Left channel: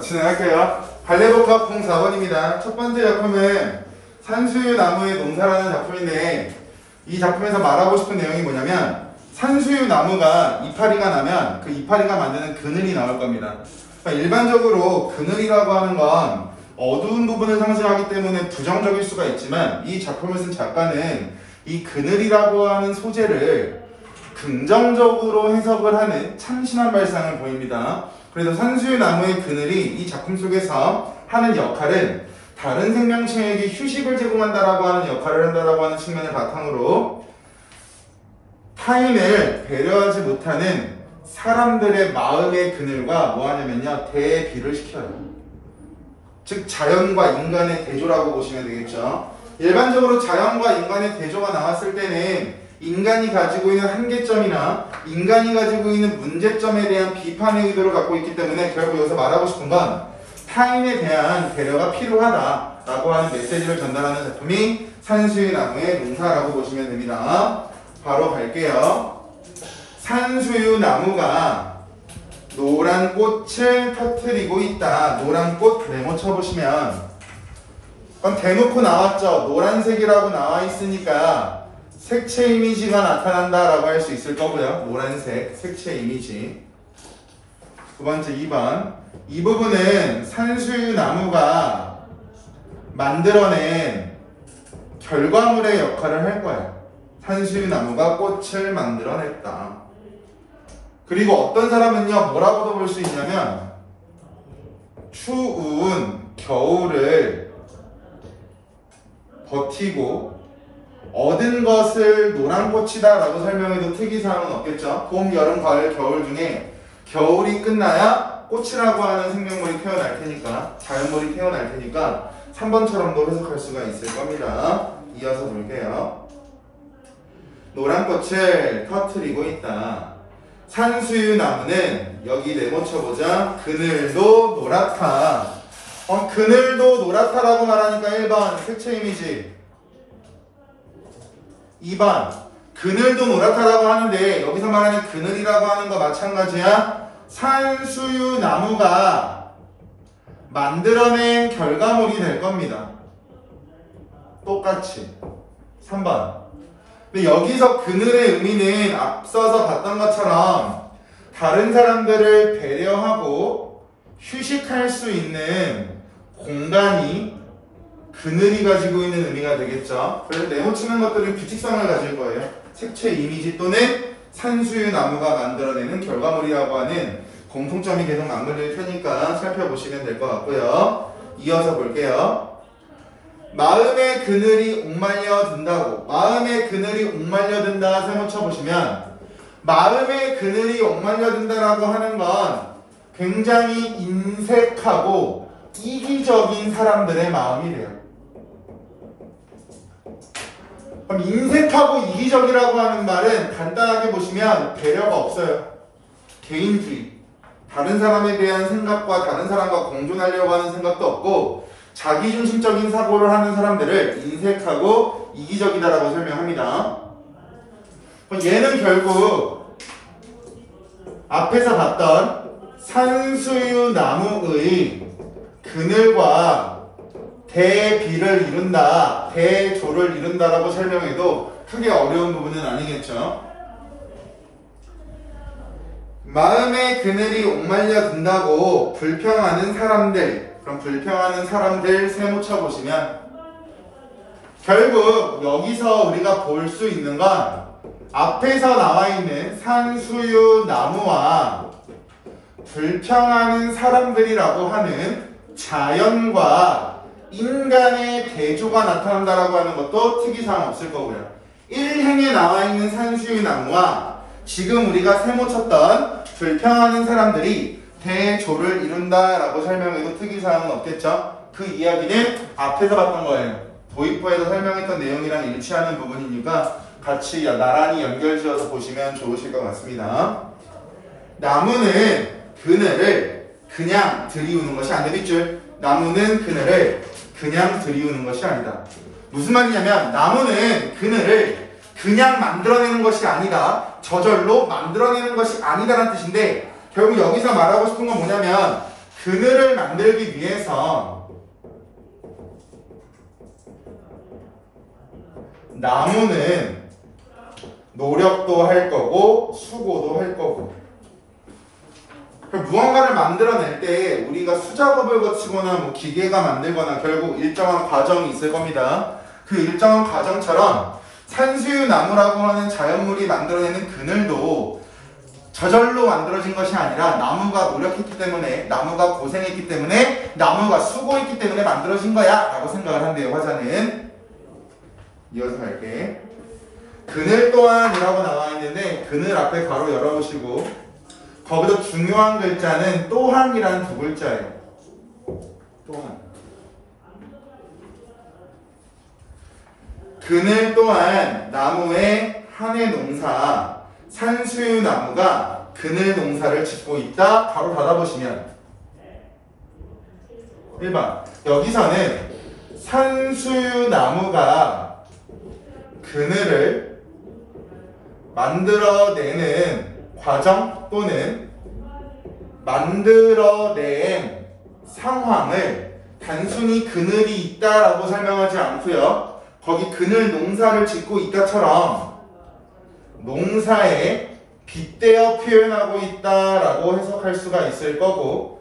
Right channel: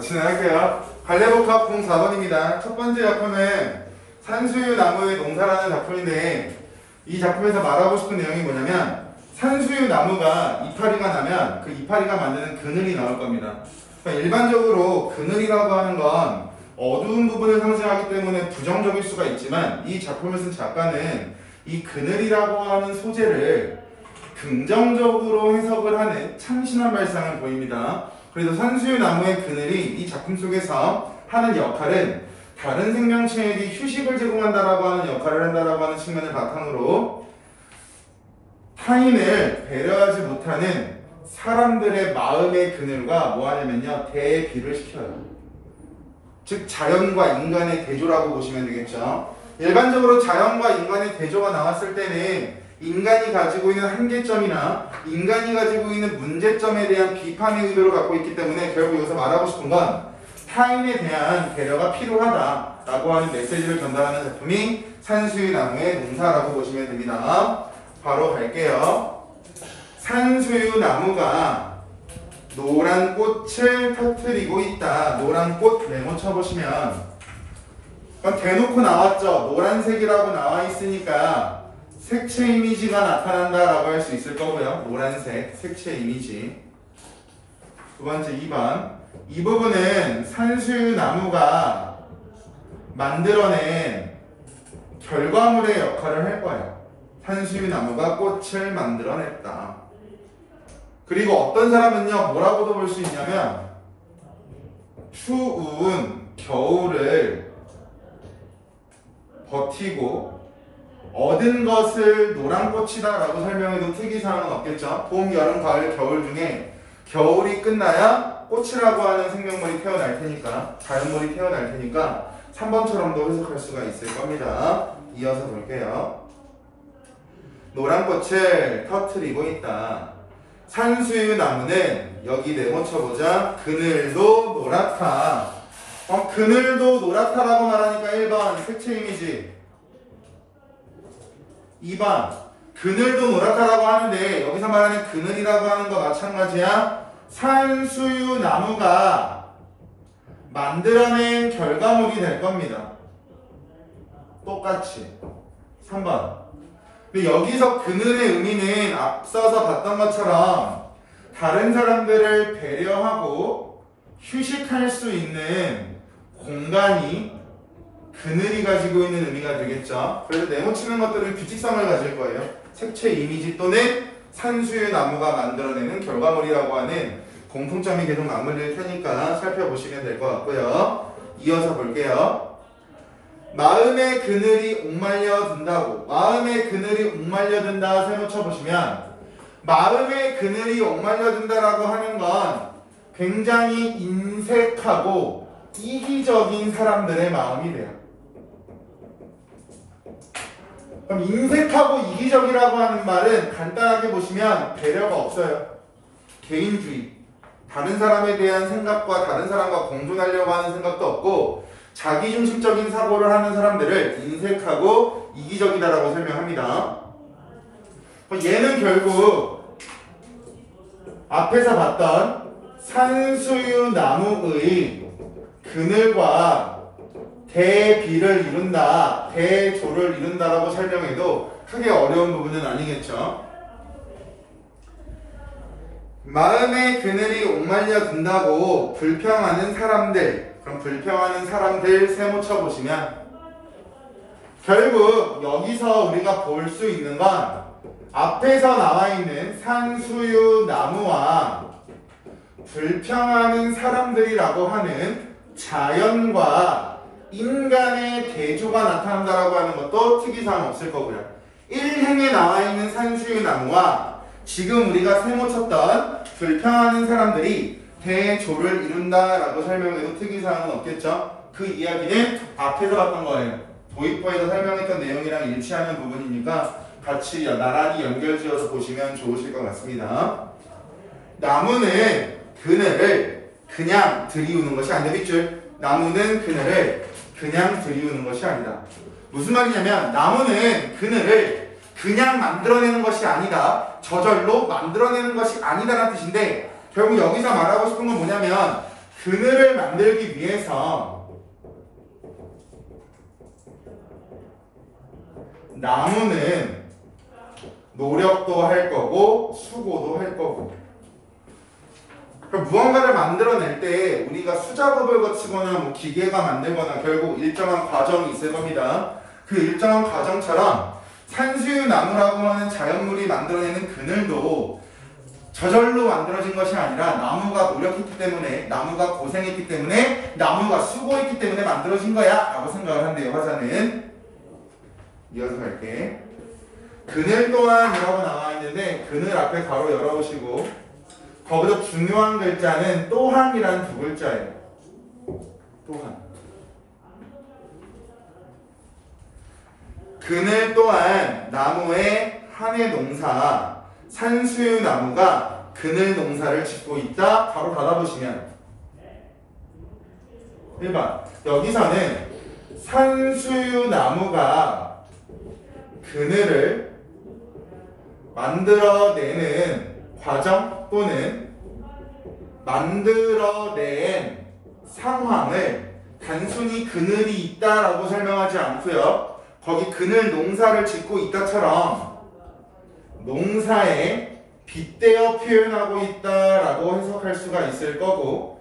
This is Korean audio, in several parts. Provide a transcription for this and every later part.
진행할게요. 발레복합 04번입니다. 첫 번째 작품은 산수유 나무의 농사라는 작품인데, 이 작품에서 말하고 싶은 내용이 뭐냐면, 산수유 나무가 이파리가 나면 그 이파리가 만드는 그늘이 나올 겁니다. 그러니까 일반적으로 그늘이라고 하는 건 어두운 부분을 상징하기 때문에 부정적일 수가 있지만, 이 작품을 쓴 작가는 이 그늘이라고 하는 소재를 긍정적으로 해석을 하는 참신한 발상을 보입니다. 그래서 산수유 나무의 그늘이 이 작품 속에서 하는 역할은 다른 생명체에게 휴식을 제공한다라고 하는 역할을 한다라고 하는 측면을 바탕으로 타인을 배려하지 못하는 사람들의 마음의 그늘과 뭐 하냐면요, 대비를 시켜요. 즉 자연과 인간의 대조라고 보시면 되겠죠. 일반적으로 자연과 인간의 대조가 나왔을 때는 인간이 가지고 있는 한계점이나 인간이 가지고 있는 문제점에 대한 비판의 의도를 갖고 있기 때문에 결국 여기서 말하고 싶은 건 타인에 대한 배려가 필요하다라고 하는 메시지를 전달하는 작품이 산수유 나무의 농사라고 보시면 됩니다. 바로 갈게요. 산수유 나무가 노란 꽃을 터뜨리고 있다. 노란 꽃 메모 쳐보시면 대놓고 나왔죠. 노란색이라고 나와 있으니까 색채 이미지가 나타난다라고 할 수 있을 거고요. 노란색 색채 이미지. 두 번째 2번. 이 부분은 산수유 나무가 만들어낸 결과물의 역할을 할 거예요. 산수유 나무가 꽃을 만들어냈다. 그리고 어떤 사람은요, 뭐라고도 볼 수 있냐면 추운 겨울을 버티고 얻은 것을 노란 꽃이다 라고 설명해도 특이사항은 없겠죠. 봄, 여름, 가을, 겨울 중에 겨울이 끝나야 꽃이라고 하는 생명물이 태어날 테니까, 자연물이 태어날 테니까 3번처럼도 해석할 수가 있을 겁니다. 이어서 볼게요. 노란 꽃을 터뜨리고 있다. 산수유 나무는 여기 네모 쳐보자. 그늘도 노랗다. 그늘도 노랗다라고 말하니까 1번 색채 이미지, 2번 그늘도 노랗다라고 하는데 여기서 말하는 그늘이라고 하는 거 마찬가지야. 산수유 나무가 만들어낸 결과물이 될 겁니다. 똑같이 3번. 근데 여기서 그늘의 의미는 앞서서 봤던 것처럼 다른 사람들을 배려하고 휴식할 수 있는 공간이 그늘이 가지고 있는 의미가 되겠죠. 그래서 네모 치는 것들은 규칙성을 가질 거예요. 색채 이미지 또는 산수유 나무가 만들어내는 결과물이라고 하는 공통점이 계속 맞물릴 테니까 살펴보시면 될 것 같고요. 이어서 볼게요. 마음의 그늘이 옥말려 든다고. 마음의 그늘이 옥말려 든다 세모 쳐보시면 마음의 그늘이 옥말려 든다라고 하는 건 굉장히 인색하고 이기적인 사람들의 마음이 돼요. 그럼 인색하고 이기적이라고 하는 말은 간단하게 보시면 배려가 없어요. 개인주의. 다른 사람에 대한 생각과 다른 사람과 공존하려고 하는 생각도 없고 자기중심적인 사고를 하는 사람들을 인색하고 이기적이다라고 설명합니다. 얘는 결국 앞에서 봤던 산수유 나무의 그늘과 대비를 이룬다, 대조를 이룬다라고 설명해도 크게 어려운 부분은 아니겠죠. 마음의 그늘이 옥말려 든다고 불평하는 사람들, 그럼 불평하는 사람들 세모 쳐보시면 결국 여기서 우리가 볼 수 있는 건 앞에서 나와 있는 산수유 나무와 불평하는 사람들이라고 하는 자연과 인간의 대조가 나타난다라고 하는 것도 특이사항 없을 거고요. 1행에 나와 있는 산수유 나무와 지금 우리가 세모 쳤던 불평하는 사람들이 대조를 이룬다라고 설명해도 특이사항은 없겠죠. 그 이야기는 앞에서 봤던 거예요. 도입부에서 설명했던 내용이랑 일치하는 부분이니까 같이 나란히 연결지어서 보시면 좋으실 것 같습니다. 나무는 그늘을 그냥 들이우는 것이 아니다. 밑줄. 나무는 그늘을 그냥 들이우는 것이 아니다. 무슨 말이냐면 나무는 그늘을 그냥 만들어내는 것이 아니다. 저절로 만들어내는 것이 아니다라는 뜻인데 결국 여기서 말하고 싶은 건 뭐냐면 그늘을 만들기 위해서 나무는 노력도 할 거고 수고도 할 거고. 그럼 무언가를 만들어낼 때 우리가 수작업을 거치거나 뭐 기계가 만들거나 결국 일정한 과정이 있을 겁니다. 그 일정한 과정처럼 산수유 나무라고 하는 자연물이 만들어내는 그늘도 저절로 만들어진 것이 아니라 나무가 노력했기 때문에, 나무가 고생했기 때문에, 나무가 수고했기 때문에 만들어진 거야 라고 생각을 한대요. 화자는. 이어서 갈게. 그늘 또한이라고 나와 있는데 그늘 앞에 괄호 열어보시고 거기서 중요한 글자는 또한이라는 두 글자예요. 또한. 그늘 또한 나무의 한 해 농사 산수유 나무가 그늘 농사를 짓고 있다. 바로 닫아보시면 1번 여기서는 산수유 나무가 그늘을 만들어내는 과정 또는 만들어낸 상황을 단순히 그늘이 있다라고 설명하지 않고요. 거기 그늘 농사를 짓고 있다처럼 농사에 빗대어 표현하고 있다라고 해석할 수가 있을 거고,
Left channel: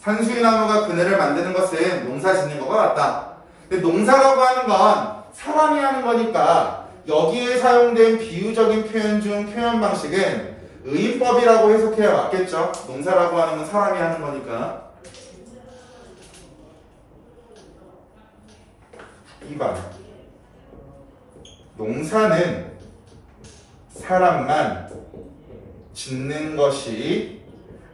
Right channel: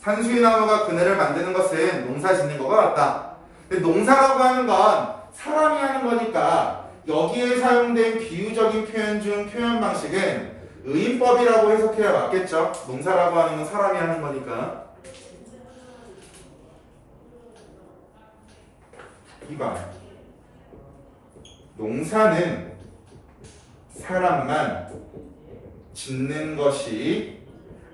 산수유나무가 그늘을 만드는 것은 농사 짓는 것과 같다. 근데 농사라고 하는 건 사람이 하는 거니까 여기에 사용된 비유적인 표현 중 표현 방식은 의인법이라고 해석해야 맞겠죠. 농사라고 하는 건 사람이 하는 거니까. 2번 농사는 사람만 짓는 것이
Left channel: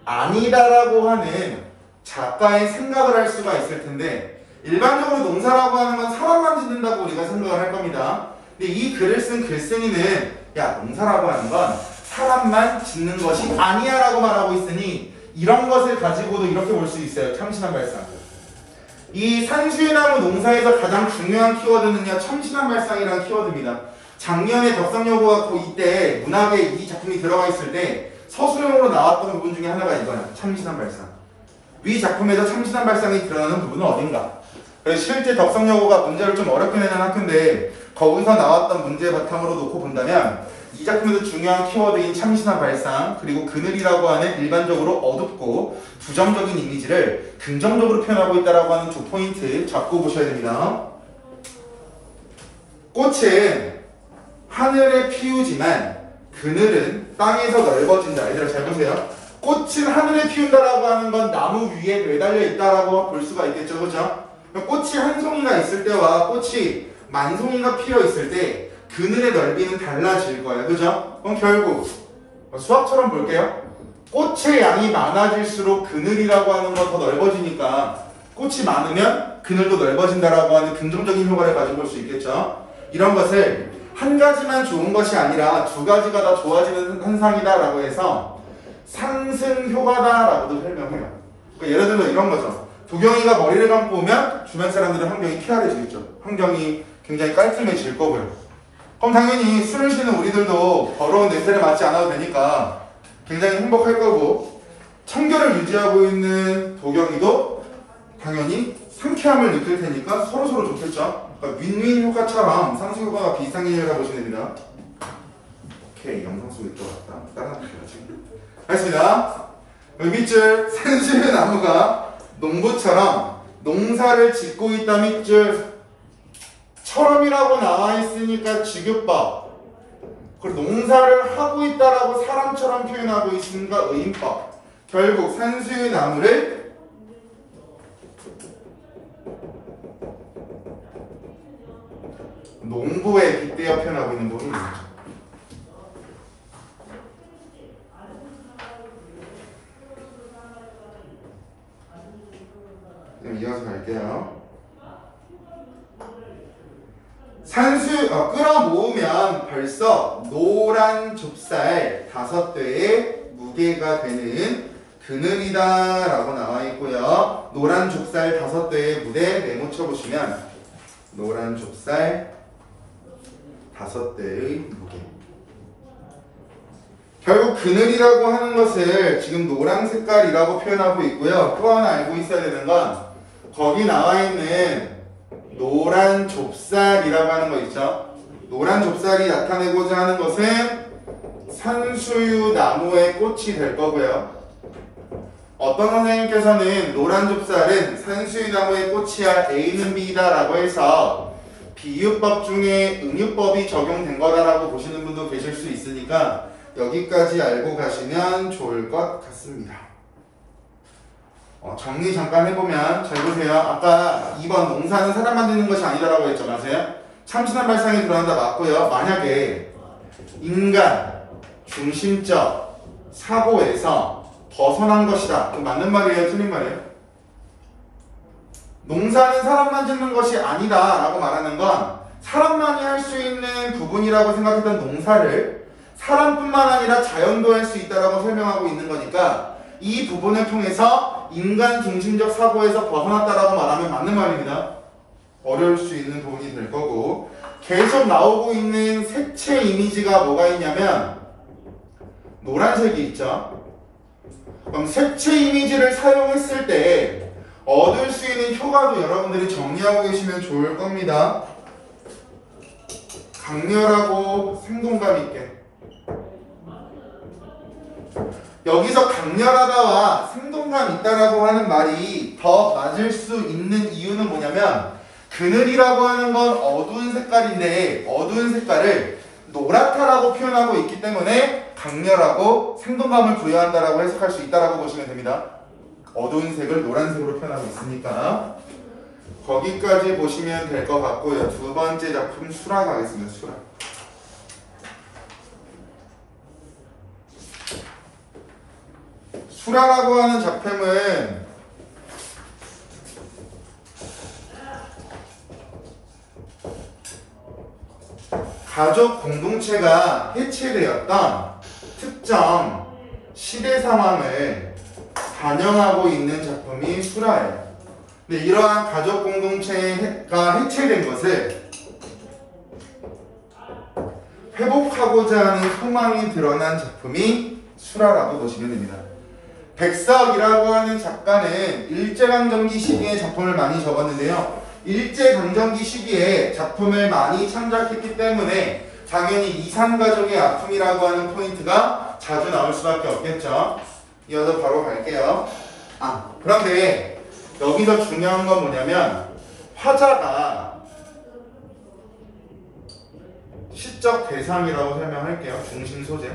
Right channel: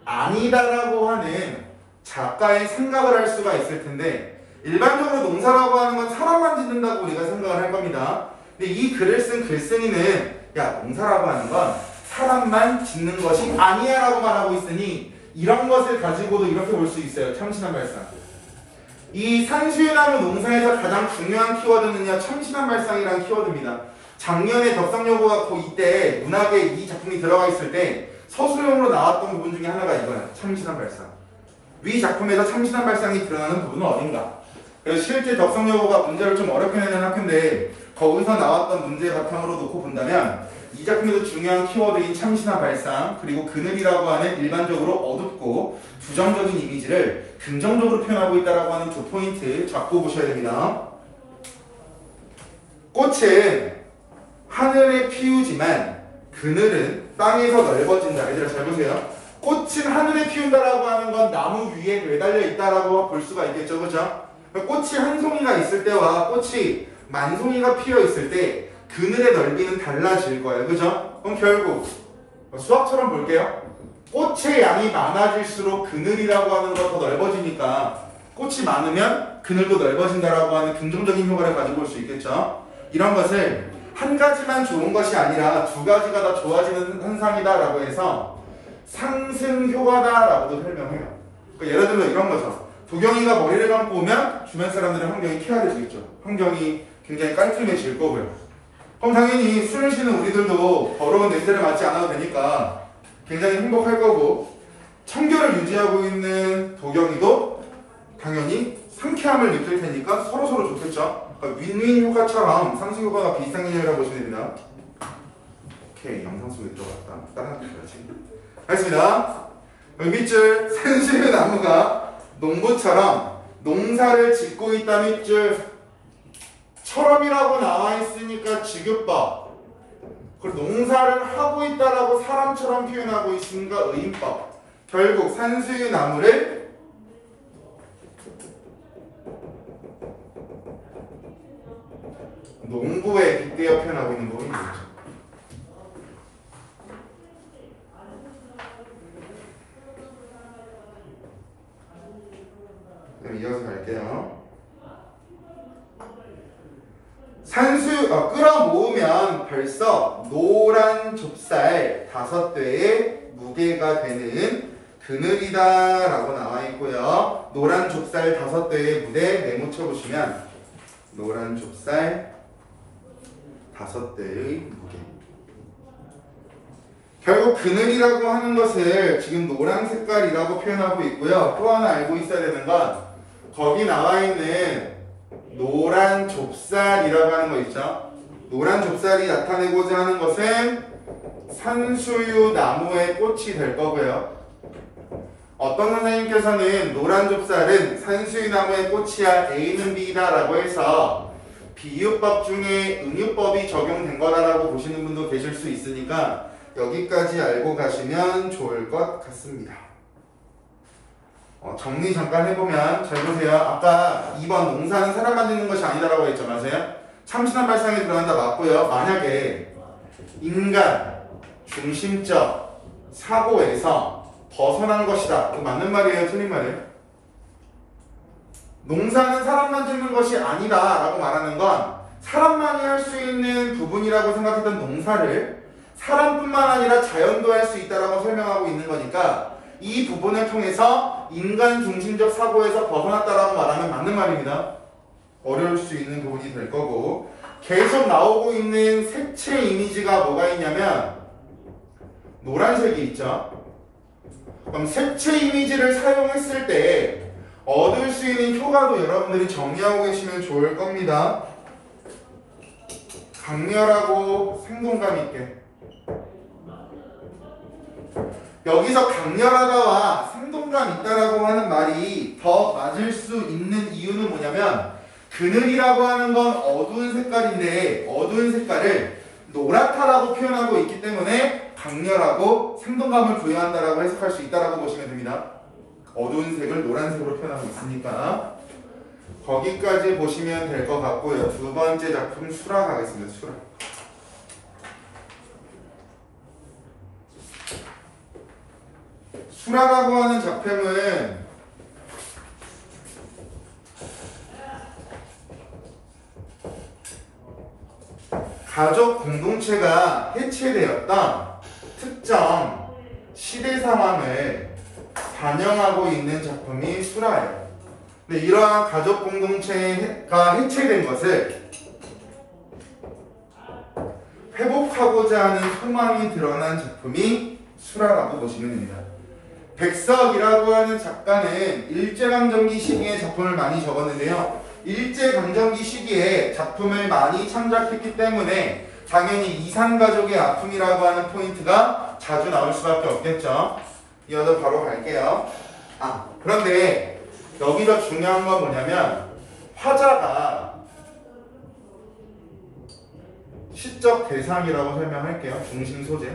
아니다라고 하는 작가의 생각을 할 수가 있을 텐데, 일반적으로 농사라고 하는 건 사람만 짓는다고 우리가 생각을 할 겁니다. 근데 이 글을 쓴 글쓴이는 야, 농사라고 하는 건 사람만 짓는 것이 아니야 라고 말하고 있으니 이런 것을 가지고도 이렇게 볼 수 있어요. 참신한 발상. 이 산수유나무 농사에서 가장 중요한 키워드는요, 참신한 발상이라는 키워드입니다. 작년에 덕성여고가 이때 문학에 이 작품이 들어가 있을 때 서술형으로 나왔던 부분 중에 하나가 이거예요. 참신한 발상. 위 작품에서 참신한 발상이 드러나는 부분은 어딘가? 실제 덕성여고가 문제를 좀 어렵게 내는 학교인데 거기서 나왔던 문제 바탕으로 놓고 본다면 이 작품에서 중요한 키워드인 참신한 발상, 그리고 그늘이라고 하는 일반적으로 어둡고 부정적인 이미지를 긍정적으로 표현하고 있다고 하는 두 포인트 잡고 보셔야 됩니다. 꽃은 하늘에 피우지만 그늘은 땅에서 넓어진다. 얘들아 잘 보세요. 꽃은 하늘에 피운다라고 하는 건 나무 위에 매달려 있다라고 볼 수가 있겠죠, 그죠? 꽃이 한 송이가 있을 때와 꽃이 만 송이가 피어 있을 때 그늘의 넓이는 달라질 거예요, 그죠? 그럼 결국 수학처럼 볼게요. 꽃의 양이 많아질수록 그늘이라고 하는 건 더 넓어지니까 꽃이 많으면 그늘도 넓어진다라고 하는 긍정적인 효과를 가지고 볼 수 있겠죠. 이런 것을 한 가지만 좋은 것이 아니라 두 가지가 다 좋아지는 현상이다라고 해서 상승 효과다라고도 설명해요. 그러니까 예를 들면 이런 거죠. 도경이가 머리를 감고 오면 주변 사람들은 환경이 쾌활해지겠죠. 환경이 굉장히 깔끔해질 거고요. 그럼 당연히 숨을 쉬는 우리들도 더러운 냄새를 맡지 않아도 되니까 굉장히 행복할 거고, 청결을 유지하고 있는 도경이도 당연히 상쾌함을 느낄 테니까 서로서로 좋겠죠. 그러니까 윈윈 효과처럼 상승 효과가 비슷한 개념이라고 보시면 됩니다. 오케이, 영상 속에 들어갔다. 다른 학교 지금. 알겠습니다. 밑줄 산수유 나무가 농부처럼 농사를 짓고 있다. 밑줄 처럼이라고 나와 있으니까 직유법. 그리고 농사를 하고 있다라고 사람처럼 표현하고 있으니까 의인법. 결국 산수유 나무를 농부에 빗대어 표현하고 있는 부분이 있죠. 그럼 이어서 갈게요. 끌어모으면 벌써 노란 좁쌀 5대의 무게가 되는 그늘이다 라고 나와 있고요. 노란 좁쌀 5대의 무게 메모쳐 보시면 노란 좁쌀 5대의 무게. 결국 그늘이라고 하는 것을 지금 노란 색깔이라고 표현하고 있고요. 또 하나 알고 있어야 되는 건 거기 나와 있는 노란 좁쌀이라고 하는 거 있죠. 노란 좁쌀이 나타내고자 하는 것은 산수유 나무의 꽃이 될 거고요. 어떤 선생님께서는 노란 좁쌀은 산수유 나무의 꽃이야 A는 B다 라고 해서 비유법 중에 응유법이 적용된 거다라고 보시는 분도 계실 수 있으니까 여기까지 알고 가시면 좋을 것 같습니다. 정리 잠깐 해보면 잘 보세요. 아까 2번 농사는 사람만 짓는 것이 아니다라고 했죠. 맞아요? 참신한 발상에 들어간다 맞고요. 만약에 인간 중심적 사고에서 벗어난 것이다. 이거 맞는 말이에요? 틀린 말이에요? 농사는 사람만 짓는 것이 아니다 라고 말하는 건 사람만이 할 수 있는 부분이라고 생각했던 농사를 사람뿐만 아니라 자연도 할 수 있다라고 설명하고 있는 거니까 이 부분을 통해서 인간 중심적 사고에서 벗어났다라고 말하면 맞는 말입니다. 어려울 수 있는 부분이 될 거고 계속 나오고 있는 색채 이미지가 뭐가 있냐면 노란색이 있죠. 그럼 색채 이미지를 사용했을 때 얻을 수 있는 효과도 여러분들이 정리하고 계시면 좋을 겁니다. 강렬하고 생동감 있게. 여기서 강렬하다와 생동감 있다라고 하는 말이 더 맞을 수 있는 이유는 뭐냐면 그늘이라고 하는 건 어두운 색깔인데 어두운 색깔을 노랗다라고 표현하고 있기 때문에 강렬하고 생동감을 부여한다라고 해석할 수 있다라고 보시면 됩니다. 어두운 색을 노란색으로 표현하고 있으니까 거기까지 보시면 될 것 같고요. 두 번째 작품 수라 가겠습니다. 수라. 수라라고 하는 작품은 가족 공동체가 해체되었던 특정 시대 상황을 반영하고 있는 작품이 수라예요. 근데 이러한 가족 공동체가 해체된 것을 회복하고자 하는 소망이 드러난 작품이 수라라고 보시면 됩니다. 백석이라고 하는 작가는 일제강점기 시기에 작품을 많이 적었는데요. 일제강점기 시기에 작품을 많이 창작했기 때문에 당연히 이산가족의 아픔이라고 하는 포인트가 자주 나올 수밖에 없겠죠. 이어서 바로 갈게요. 그런데 여기서 중요한 건 뭐냐면 화자가 시적 대상이라고 설명할게요. 중심 소재.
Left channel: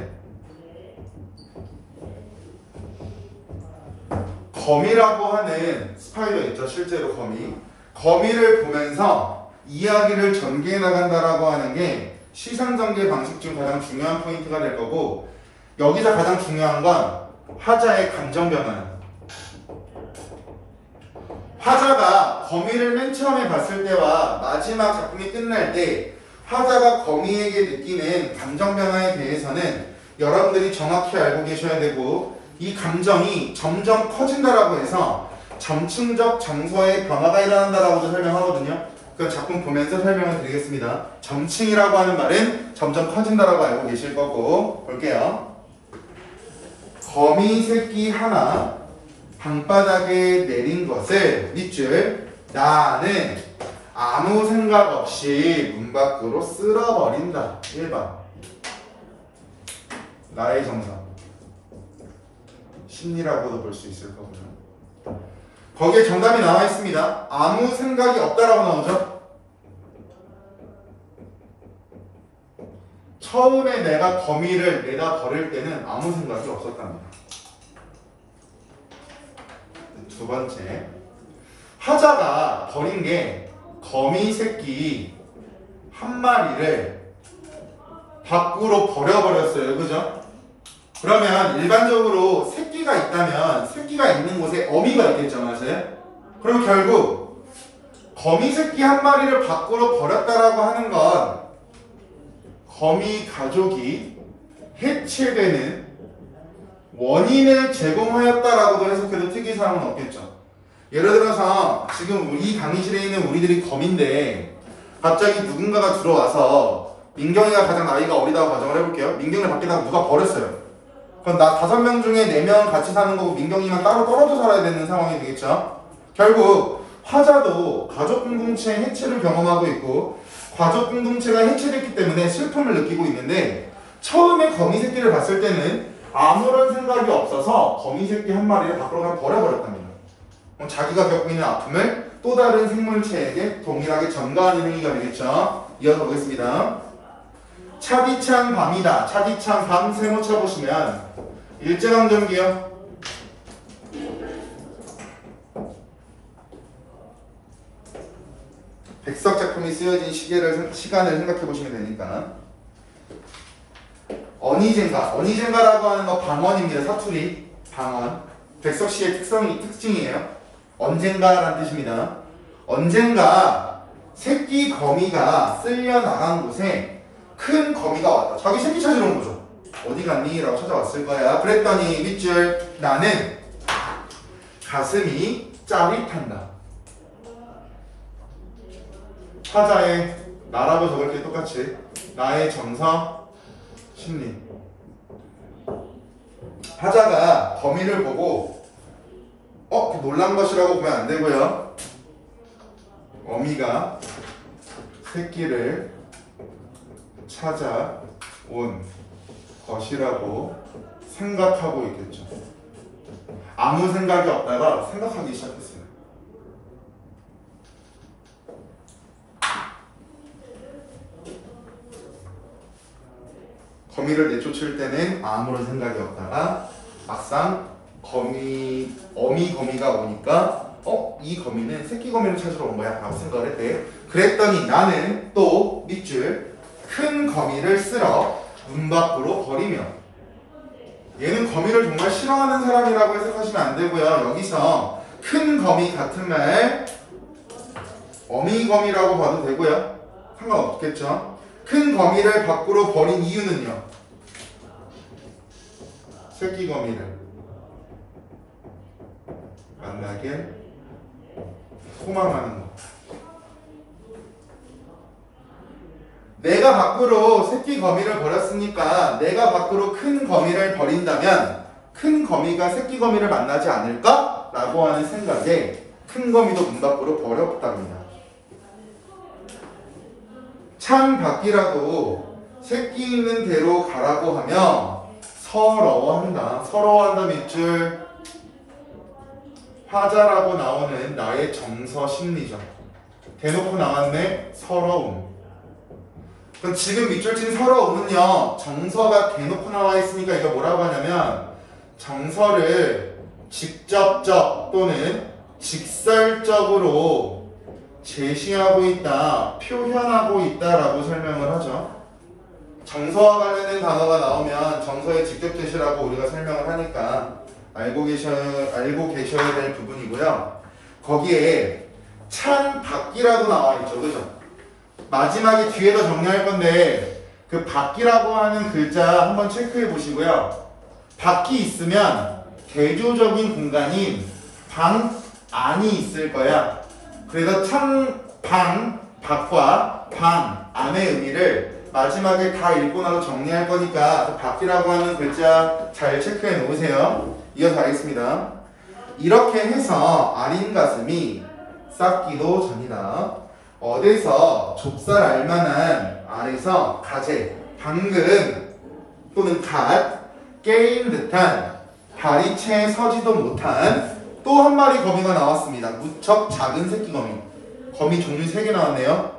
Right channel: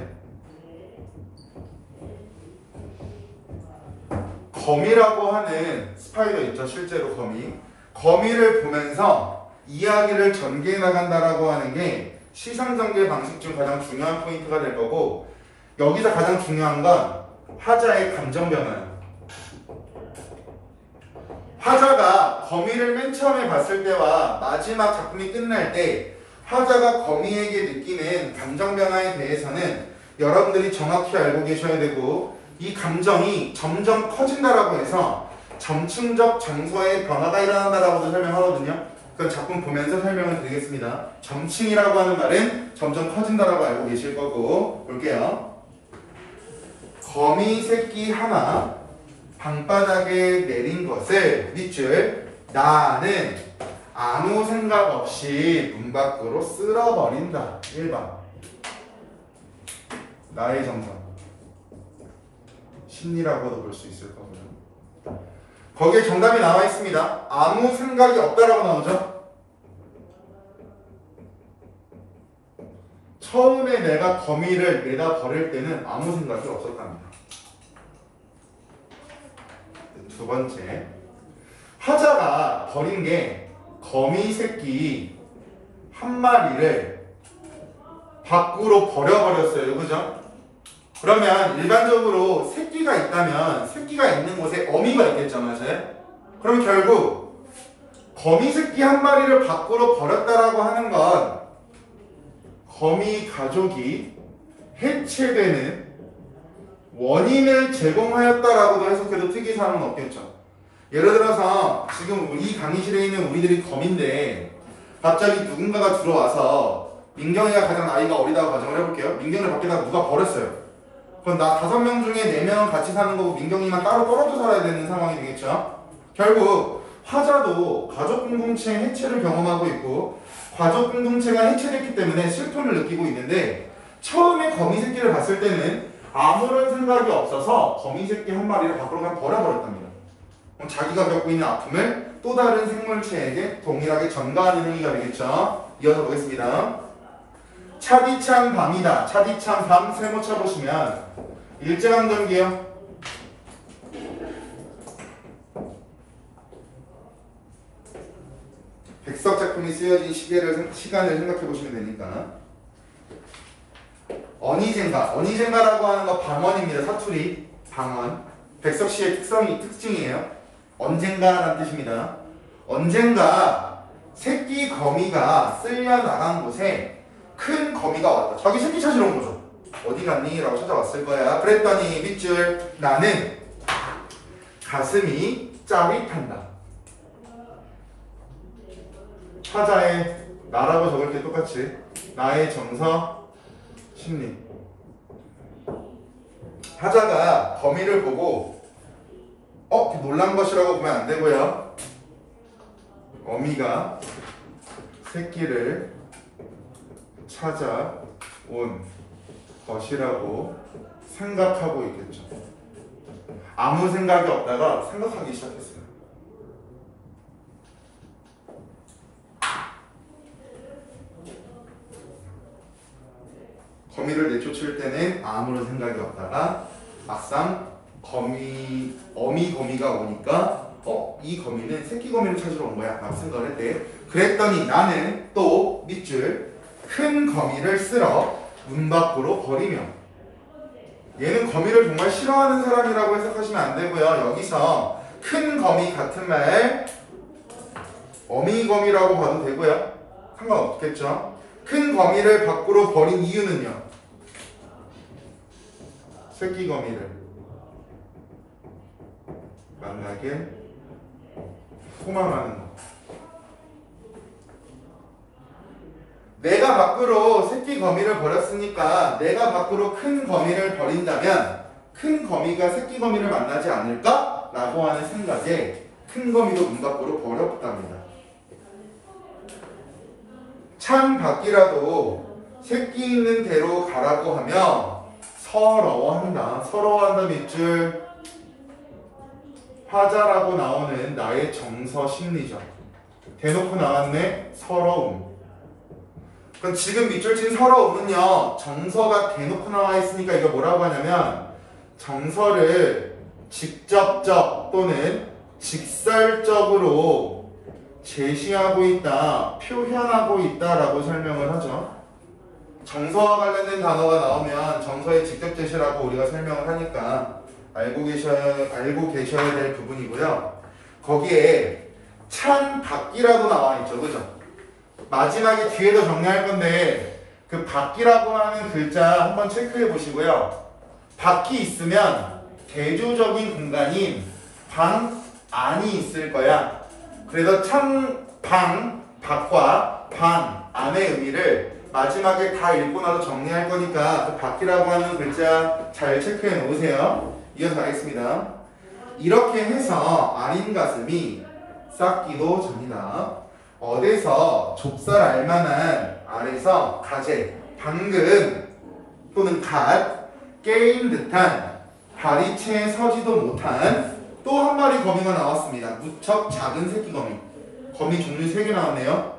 거미라고 하는 스파이더 있죠. 실제로 거미를 보면서 이야기를 전개해 나간다라고 하는 게 시상 전개 방식 중 가장 중요한 포인트가 될 거고 여기서 가장 중요한 건 화자의 감정 변화예요. 화자가 거미를 맨 처음에 봤을 때와 마지막 작품이 끝날 때 화자가 거미에게 느끼는 감정 변화에 대해서는 여러분들이 정확히 알고 계셔야 되고 이 감정이 점점 커진다라고 해서 점층적 정서의 변화가 일어난다라고도 설명하거든요. 그 작품 보면서 설명을 드리겠습니다. 점층이라고 하는 말은 점점 커진다라고 알고 계실 거고 볼게요. 거미 새끼 하나 방바닥에 내린 것을 밑줄 나는 아무 생각 없이 문 밖으로 쓸어버린다. 1번 나의 정서 심리라고도 볼 수 있을 거고요. 거기에 정답이 나와 있습니다. 아무 생각이 없다라고 나오죠. 처음에 내가 거미를 내다 버릴 때는 아무 생각이 없었답니다. 두 번째, 화자가 버린 게 거미 새끼 한 마리를 밖으로 버려버렸어요. 그죠? 그러면 일반적으로 새끼가 있다면 새끼가 있는 곳에 어미가 있겠죠. 맞아요? 그럼 결국 거미 새끼 한 마리를 밖으로 버렸다라고 하는 건 거미 가족이 해체되는 원인을 제공하였다라고도 해석해도 특이사항은 없겠죠. 예를 들어서 지금 이 강의실에 있는 우리들이 거미인데 갑자기 누군가가 들어와서 민경이가 가장 나이가 어리다고 가정을 해볼게요. 민경이를 밖에다가 누가 버렸어요. 그럼 나 5명 중에 4명 같이 사는 거고 민경이만 따로 떨어져 살아야 되는 상황이 되겠죠. 결국 화자도 가족 공동체 해체를 경험하고 있고 가족 공동체가 해체됐기 때문에 슬픔을 느끼고 있는데 처음에 거미 새끼를 봤을 때는 아무런 생각이 없어서 거미 새끼 한 마리를 밖으로 그냥 버려버렸답니다. 자기가 겪고 있는 아픔을 또 다른 생물체에게 동일하게 전가하는 행위가 되겠죠. 이어서 보겠습니다. 차디찬 밤이다. 차디찬 밤 세모차 보시면 일제강점기요. 백석 작품이 쓰여진 시간을 생각해 보시면 되니까. 어니젠가라고 하는 거 방언입니다. 사투리 방언. 백석시의 특징이에요. 언젠가라는 뜻입니다. 언젠가 새끼 거미가 쓸려 나간 곳에 큰 거미가 왔다. 자기 새끼 찾으러 온 거죠. 어디 갔니? 라고 찾아왔을 거야. 그랬더니 밑줄 나는 가슴이 짜릿한다. 화자의 나라고 적을 때 똑같이 나의 정서 심리. 화자가 거미를 보고 놀란 것이라고 보면 안 되고요. 어미가 새끼를 찾아온 것이라고 생각하고 있겠죠. 아무 생각이 없다가 생각하기 시작했어요. 거미를 내쫓을 때는 아무런 생각이 없다가 막상 어미 거미가 오니까 이 거미는 새끼 거미를 찾으러 온 거야 라고 생각을 했대. 그랬더니 나는 또 밑줄 큰 거미를 쓸어 문 밖으로 버리며. 얘는 거미를 정말 싫어하는 사람이라고 해석하시면 안 되고요. 여기서 큰 거미 같은 말 어미 거미라고 봐도 되고요. 상관없겠죠. 큰 거미를 밖으로 버린 이유는요. 새끼 거미를 만나길 소망하는 것. 내가 밖으로 새끼 거미를 버렸으니까 내가 밖으로 큰 거미를 버린다면 큰 거미가 새끼 거미를 만나지 않을까? 라고 하는 생각에 큰 거미도 문 밖으로 버렸답니다. 창 밖이라도 새끼 있는 대로 가라고 하며 서러워한다. 서러워한다 밑줄 화자라고 나오는 나의 정서 심리죠. 대놓고 나왔네. 서러움. 그럼 지금 밑줄 친 서러움은요. 정서가 대놓고 나와 있으니까 이거 뭐라고 하냐면 정서를 직접적 또는 직설적으로 제시하고 있다, 표현하고 있다라고 설명을 하죠. 정서와 관련된 단어가 나오면 정서의 직접 제시라고 우리가 설명을 하니까 알고 계셔야 될 부분이고요. 거기에 창 밖이라도 나와 있죠. 그죠? 마지막에 뒤에도 정리할 건데 그 밖이라고 하는 글자 한번 체크해 보시고요. 밖이 있으면 대조적인 공간인 방 안이 있을 거야. 그래서 밖과 방 안의 의미를 마지막에 다 읽고 나서 정리할 거니까 그 밖이라고 하는 글자 잘 체크해 놓으세요. 이어서 가겠습니다. 이렇게 해서 아닌 가슴이 싹기도 전이다. 어디서 좁쌀 알만한 안에서 가재, 방금 또는 갓 깨인 듯한 발이 채 서지도 못한 또 한 마리 거미가 나왔습니다. 무척 작은 새끼 거미. 거미 종류 3개 나왔네요.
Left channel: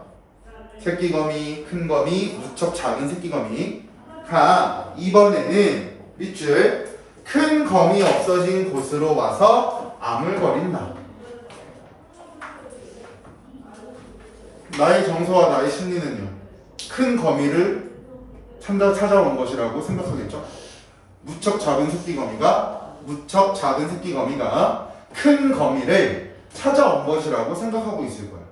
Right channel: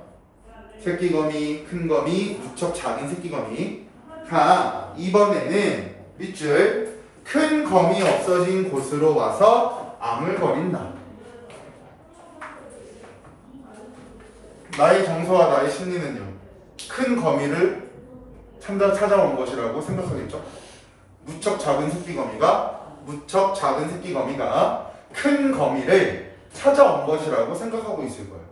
새끼 거미, 큰 거미, 무척 작은 새끼 거미가 이번에는 밑줄 큰 거미 없어진 곳으로 와서 아물거린다. 나의 정서와 나의 심리는요. 큰 거미를 찾아온 것이라고 생각하겠죠. 무척 작은 새끼 거미가 큰 거미를 찾아온 것이라고 생각하고 있을 거예요.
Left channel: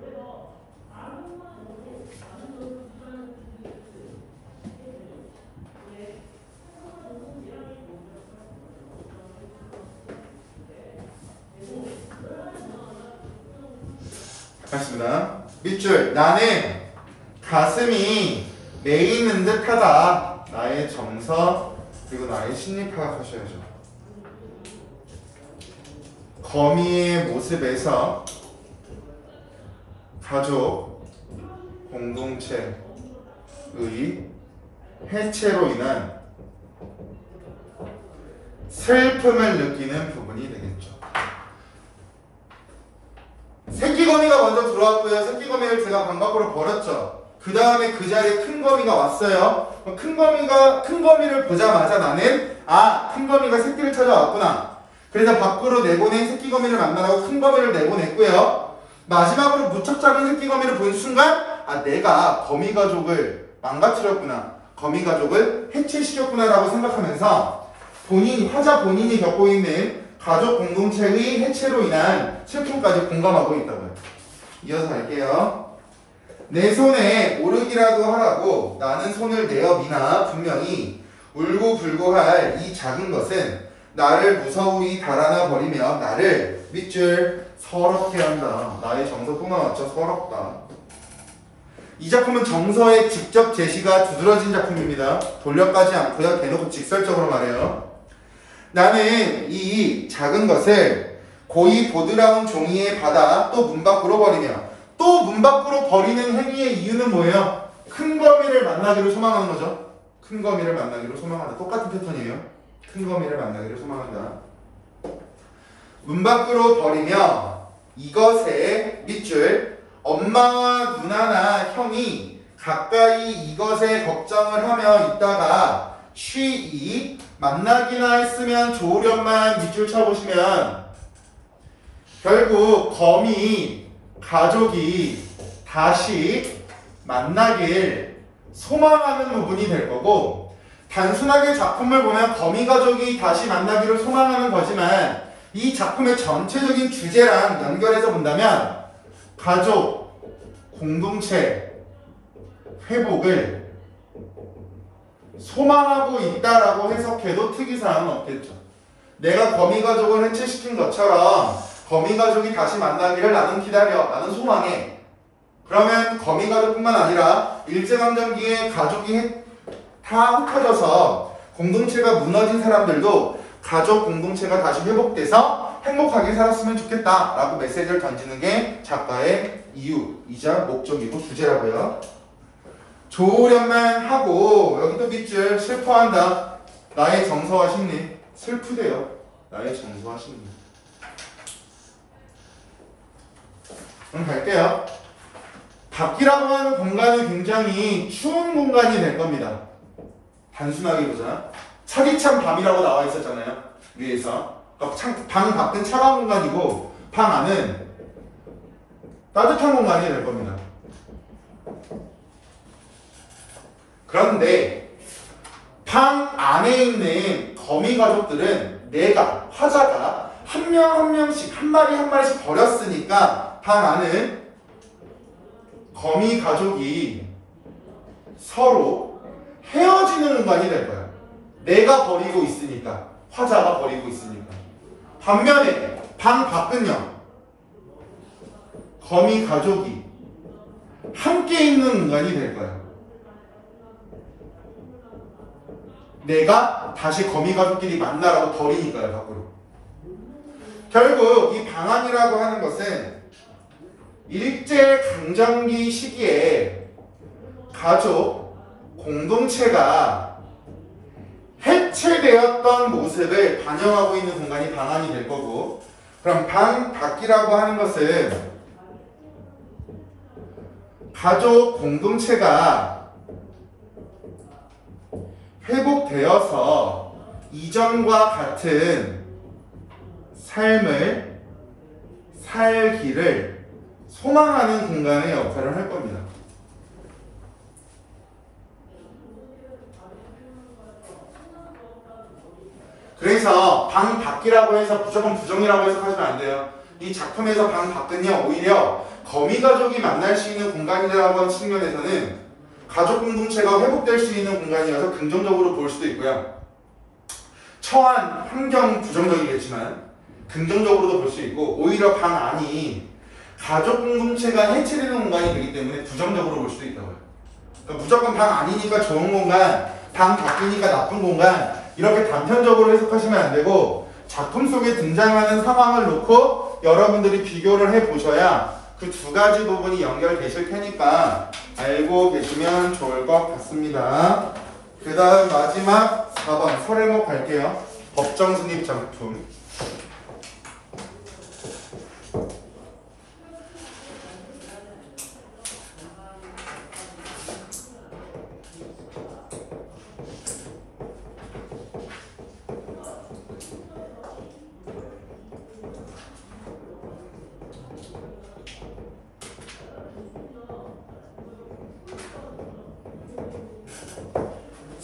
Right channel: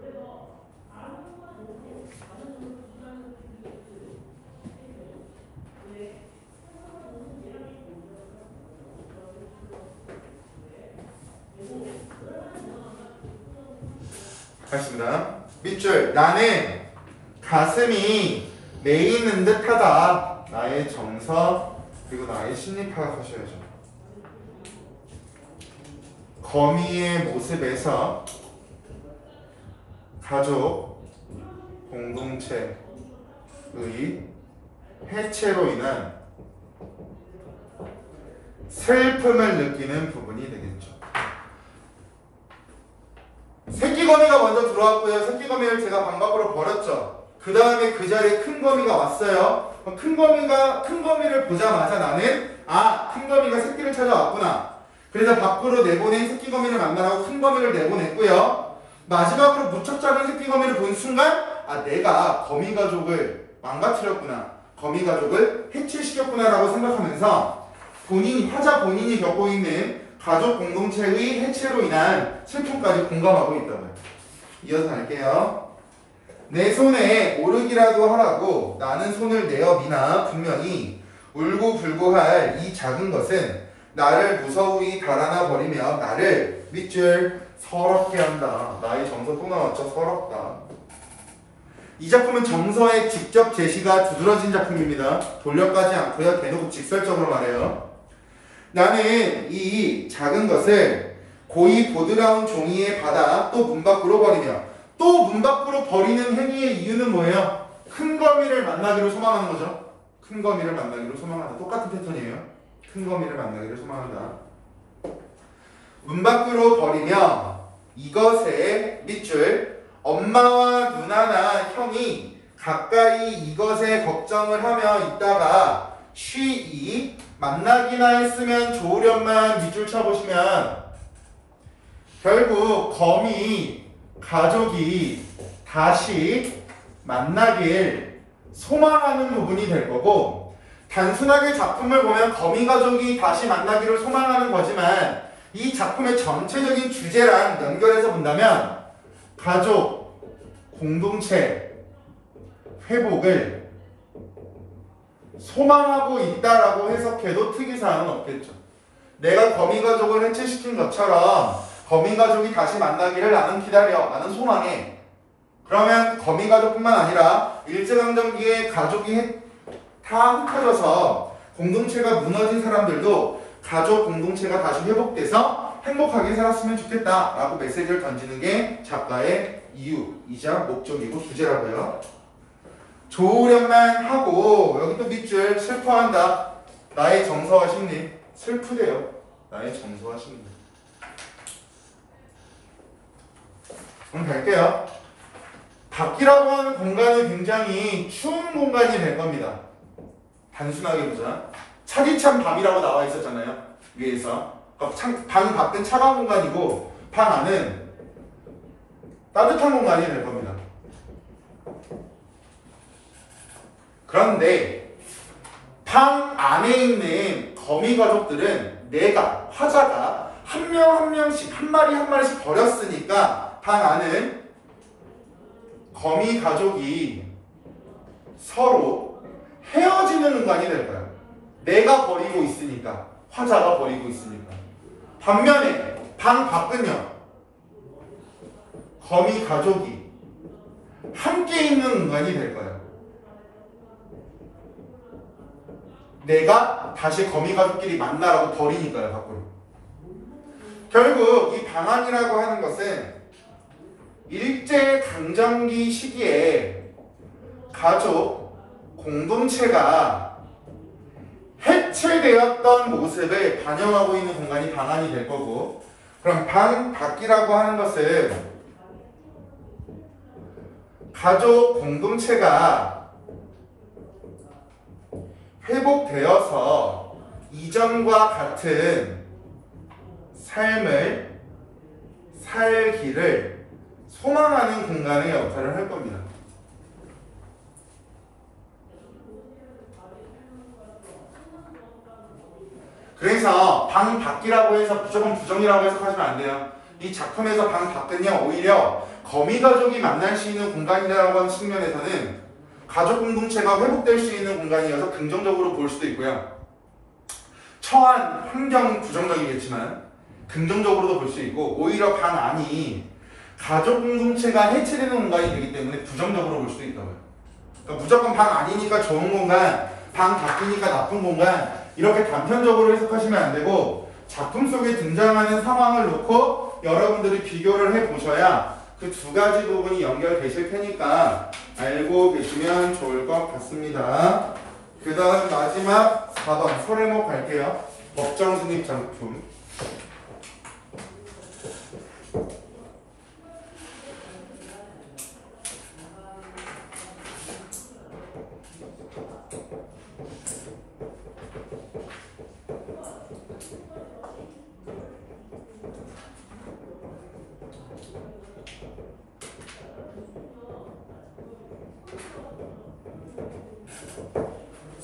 알겠습니다. 밑줄 나는 가슴이 메이는 듯하다. 나의 정서 그리고 나의 심리 파악하셔야죠. 거미의 모습에서 가족 공동체의 해체로 인한 슬픔을 느끼는 부분이 되겠죠. 새끼거미가 먼저 들어왔고요. 새끼거미를 제가 방 밖으로 버렸죠. 그 다음에 그 자리에 큰 거미가 왔어요. 큰 거미를 보자마자 나는 큰 거미가 새끼를 찾아왔구나. 그래서 밖으로 내보낸 새끼거미를 만나라고 큰 거미를 내보냈고요. 마지막으로 무척 작은 새끼거미를 본 순간 내가 거미 가족을 망가뜨렸구나. 거미 가족을 해체시켰구나 라고 생각하면서 화자 본인이 겪고 있는 가족 공동체의 해체로 인한 슬픔까지 공감하고 있다고요. 이어서 갈게요. 내 손에 오르기라도 하라고 나는 손을 내어 미나 분명히 울고불고할 이 작은 것은 나를 무서이 달아나 버리며 나를 밑줄 서럽게 한다. 나의 정서 또 나왔죠. 서럽다. 이 작품은 정서의 직접 제시가 두드러진 작품입니다. 돌려가지 않고요. 대놓고 직설적으로 말해요. 나는 이 작은 것을 고이 보드라운 종이에 받아 또 문 밖으로 버리며 또 문 밖으로 버리는 행위의 이유는 뭐예요? 큰 거미를 만나기를 소망하는 거죠. 큰 거미를 만나기를 소망한다. 똑같은 패턴이에요. 큰 거미를 만나기를 소망한다. 문 밖으로 버리며 이것의 밑줄 엄마와 누나나 형이 가까이 이것에 걱정을 하며 있다가 쉬이 만나기나 했으면 좋으련만 밑줄 쳐보시면 결국 거미 가족이 다시 만나길 소망하는 부분이 될 거고, 단순하게 작품을 보면 거미 가족이 다시 만나기를 소망하는 거지만 이 작품의 전체적인 주제랑 연결해서 본다면 가족, 공동체, 회복을 소망하고 있다라고 해석해도 특이사항은 없겠죠. 내가 거미 가족을 해체시킨 것처럼 거미 가족이 다시 만나기를 나는 기다려, 나는 소망해. 그러면 거미 가족뿐만 아니라 일제강점기에 가족이 다 흩어져서 공동체가 무너진 사람들도 가족 공동체가 다시 회복돼서 행복하게 살았으면 좋겠다 라고 메시지를 던지는 게 작가의 이유이자 목적이고 주제라고요. 좋으련만 하고, 여기 또 밑줄 슬퍼한다. 나의 정서와 심리. 슬프대요. 나의 정서와 심리. 그럼 갈게요. 밖이라고 하는 공간은 굉장히 추운 공간이 될 겁니다. 단순하게 보자. 차디찬 밤이라고 나와 있었잖아요. 위에서. 방 밖은 차가운 공간이고 방 안은 따뜻한 공간이 될 겁니다. 그런데 방 안에 있는 거미 가족들은 화자가 한 명 한 명씩, 한 마리 한 마리씩 버렸으니까 방 안은 거미 가족이 서로 헤어지는 공간이 될 거야. 내가 버리고 있으니까, 화자가 버리고 있으니까. 반면에 방 밖은요, 거미 가족이 함께 있는 공간이 될 거야. 내가 다시 거미 가족끼리 만나라고 버리니까요, 밖으로. 결국 이 방안이라고 하는 것은 일제강점기 시기에 가족 공동체가 해체되었던 모습을 반영하고 있는 공간이 방안이 될 거고, 그럼 방 밖이라고 하는 것은 가족 공동체가 회복되어서 이전과 같은 삶을 살기를 소망하는 공간의 역할을 할 겁니다. 그래서 방 밖이라고 해서 무조건 부정이라고 해석하시면 안 돼요. 이 작품에서 방 밖은요, 오히려 거미 가족이 만날 수 있는 공간이라고 하는 측면에서는 가족 공동체가 회복될 수 있는 공간이어서 긍정적으로 볼 수도 있고요. 처한 환경 부정적이겠지만 긍정적으로도 볼 수 있고, 오히려 방 안이 가족 공동체가 해체되는 공간이 되기 때문에 부정적으로 볼 수도 있다고요. 그러니까 무조건 방 안이니까 좋은 공간, 방 밖이니까 나쁜 공간, 이렇게 단편적으로 해석하시면 안 되고 작품 속에 등장하는 상황을 놓고 여러분들이 비교를 해보셔야 그 두 가지 부분이 연결되실 테니까 알고 계시면 좋을 것 같습니다. 그 다음 마지막 4번 설해목 갈게요. 법정 승입 작품.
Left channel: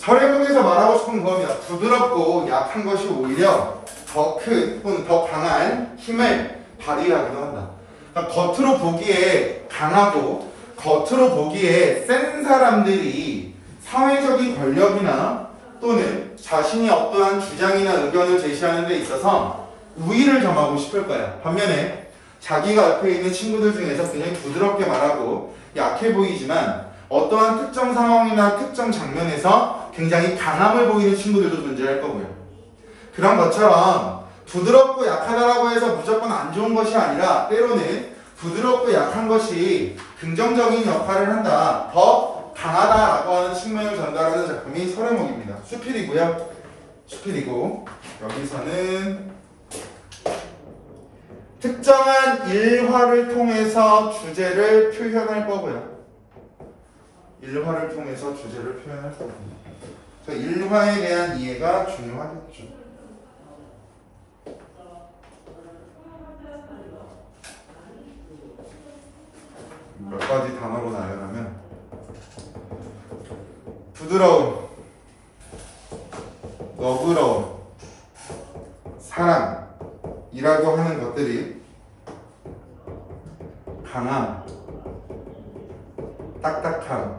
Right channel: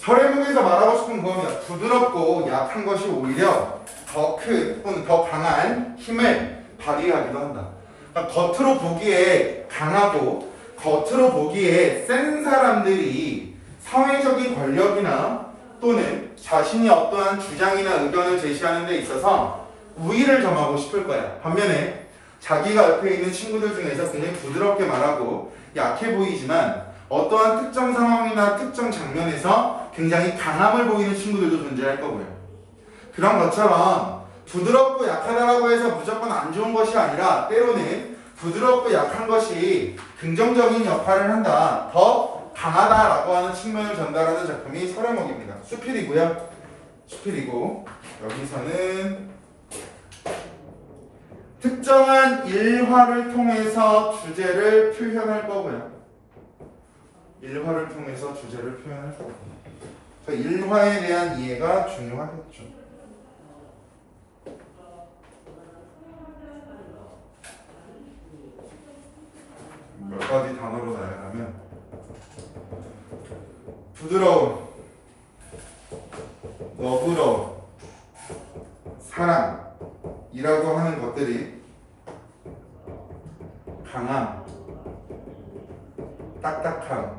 설해목에서 말하고 싶은 그겁니다. 부드럽고 약한 것이 오히려 더 큰 또는 더 강한 힘을 발휘하기도 한다. 그러니까 겉으로 보기에 강하고 겉으로 보기에 센 사람들이 사회적인 권력이나 또는 자신이 어떠한 주장이나 의견을 제시하는 데 있어서 우위를 점하고 싶을 거야. 반면에 자기가 옆에 있는 친구들 중에서 굉장히 부드럽게 말하고 약해 보이지만 어떠한 특정 상황이나 특정 장면에서 굉장히 강함을 보이는 친구들도 존재할 거고요. 그런 것처럼 부드럽고 약하다라고 해서 무조건 안 좋은 것이 아니라 때로는 부드럽고 약한 것이 긍정적인 역할을 한다. 더 강하다라고 하는 측면을 전달하는 작품이 설해목입니다. 수필이고요. 수필이고 여기서는 특정한 일화를 통해서 주제를 표현할 거고요. 일화를 통해서 주제를 표현할 거고요. 그래서 일화에 대한 이해가 중요하겠죠. 몇 가지 단어로 나열하면 부드러움, 너그러움, 사랑이라고 하는 것들이 강함, 딱딱함과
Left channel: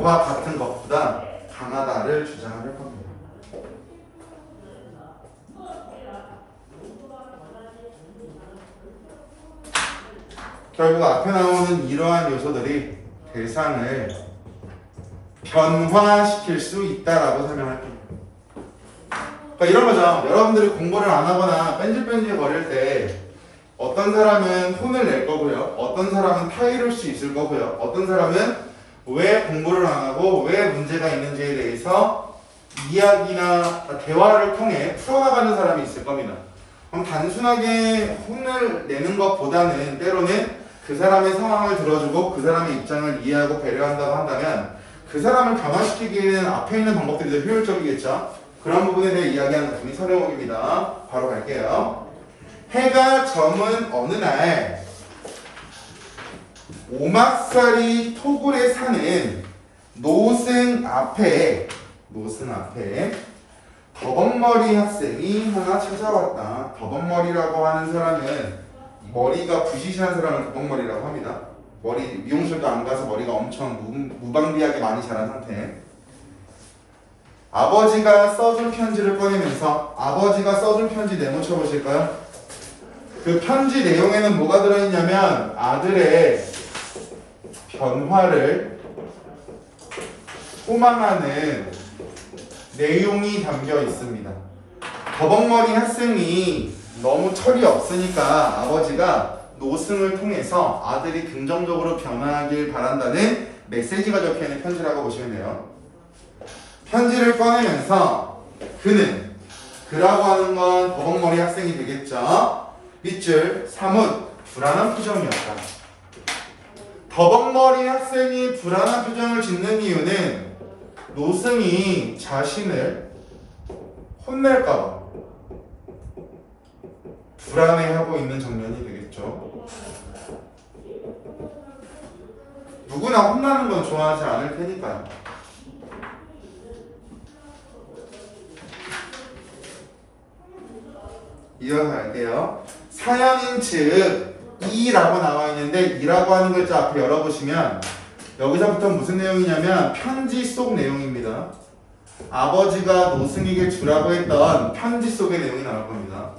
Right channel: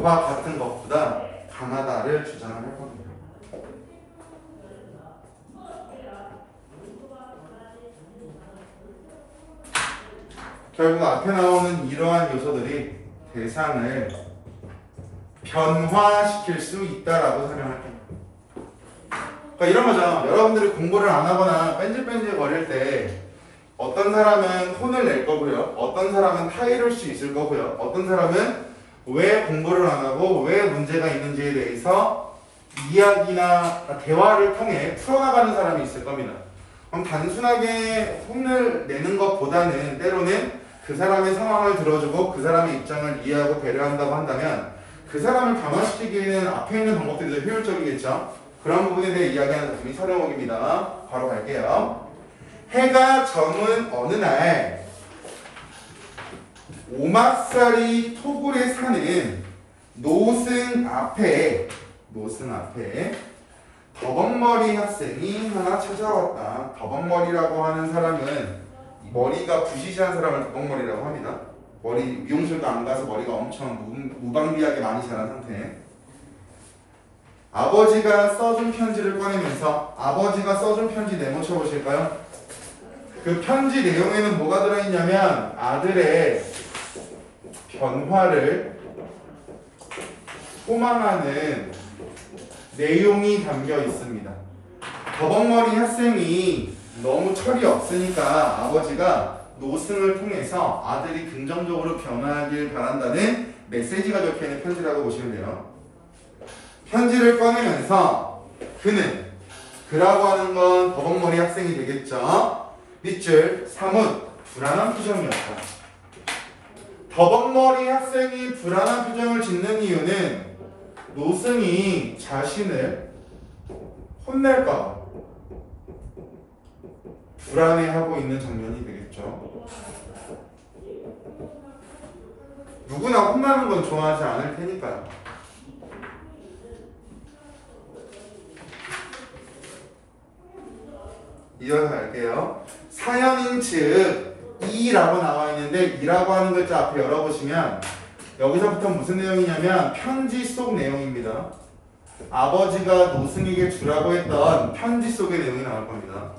같은 것보다 강하다를 주장을 할 겁니다. 결국 앞에 나오는 이러한 요소들이 대상을 변화시킬 수 있다라고 설명할 겁니다. 그러니까 이런 거죠. 여러분들이 공부를 안 하거나 뺀질뺀질 거릴 때 어떤 사람은 혼을 낼 거고요. 어떤 사람은 타이를 수 있을 거고요. 어떤 사람은 왜 공부를 안 하고 왜 문제가 있는지에 대해서 이야기나 대화를 통해 풀어나가는 사람이 있을 겁니다. 그럼 단순하게 혼을 내는 것보다는 때로는 그 사람의 상황을 들어주고 그 사람의 입장을 이해하고 배려한다고 한다면 그 사람을 변화시키기에는 앞에 있는 방법들이 더 효율적이겠죠. 그런 부분에 대해 이야기하는 작품이 설해목입니다. 바로 갈게요. 해가 저문 어느 날 오막살이 토굴에 사는 노승 앞에 더벅머리 학생이 하나 찾아왔다. 더벅머리라고 하는 사람은 머리가 부시시한 사람을 더벅머리라고 합니다. 머리 미용실도 안 가서 머리가 엄청 무방비하게 많이 자란 상태. 아버지가 써준 편지를 꺼내면서 아버지가 써준 편지 메모쳐 보실까요? 그 편지 내용에는 뭐가 들어있냐면 아들의 변화를 소망하는 내용이 담겨 있습니다. 더벅머리 학생이 너무 철이 없으니까 아버지가 노승을 통해서 아들이 긍정적으로 변화하길 바란다는 메시지가 적혀있는 편지라고 보시면 돼요. 편지를 꺼내면서 그라고 하는 건 더벅머리 학생이 되겠죠. 밑줄 사뭇 불안한 표정이었다. 더벅머리 학생이 불안한 표정을 짓는 이유는 노승이 자신을 혼낼까봐 불안해하고 있는 장면이 되겠죠. 누구나 혼나는 건 좋아하지 않을 테니까요. 이어서 갈게요. 사연인 즉 이라고 나와 있는데 이라고 하는 글자 앞에 열어보시면 여기서부터 무슨 내용이냐면 편지 속 내용입니다. 아버지가 노승에게 주라고 했던 편지 속의 내용이 나올 겁니다.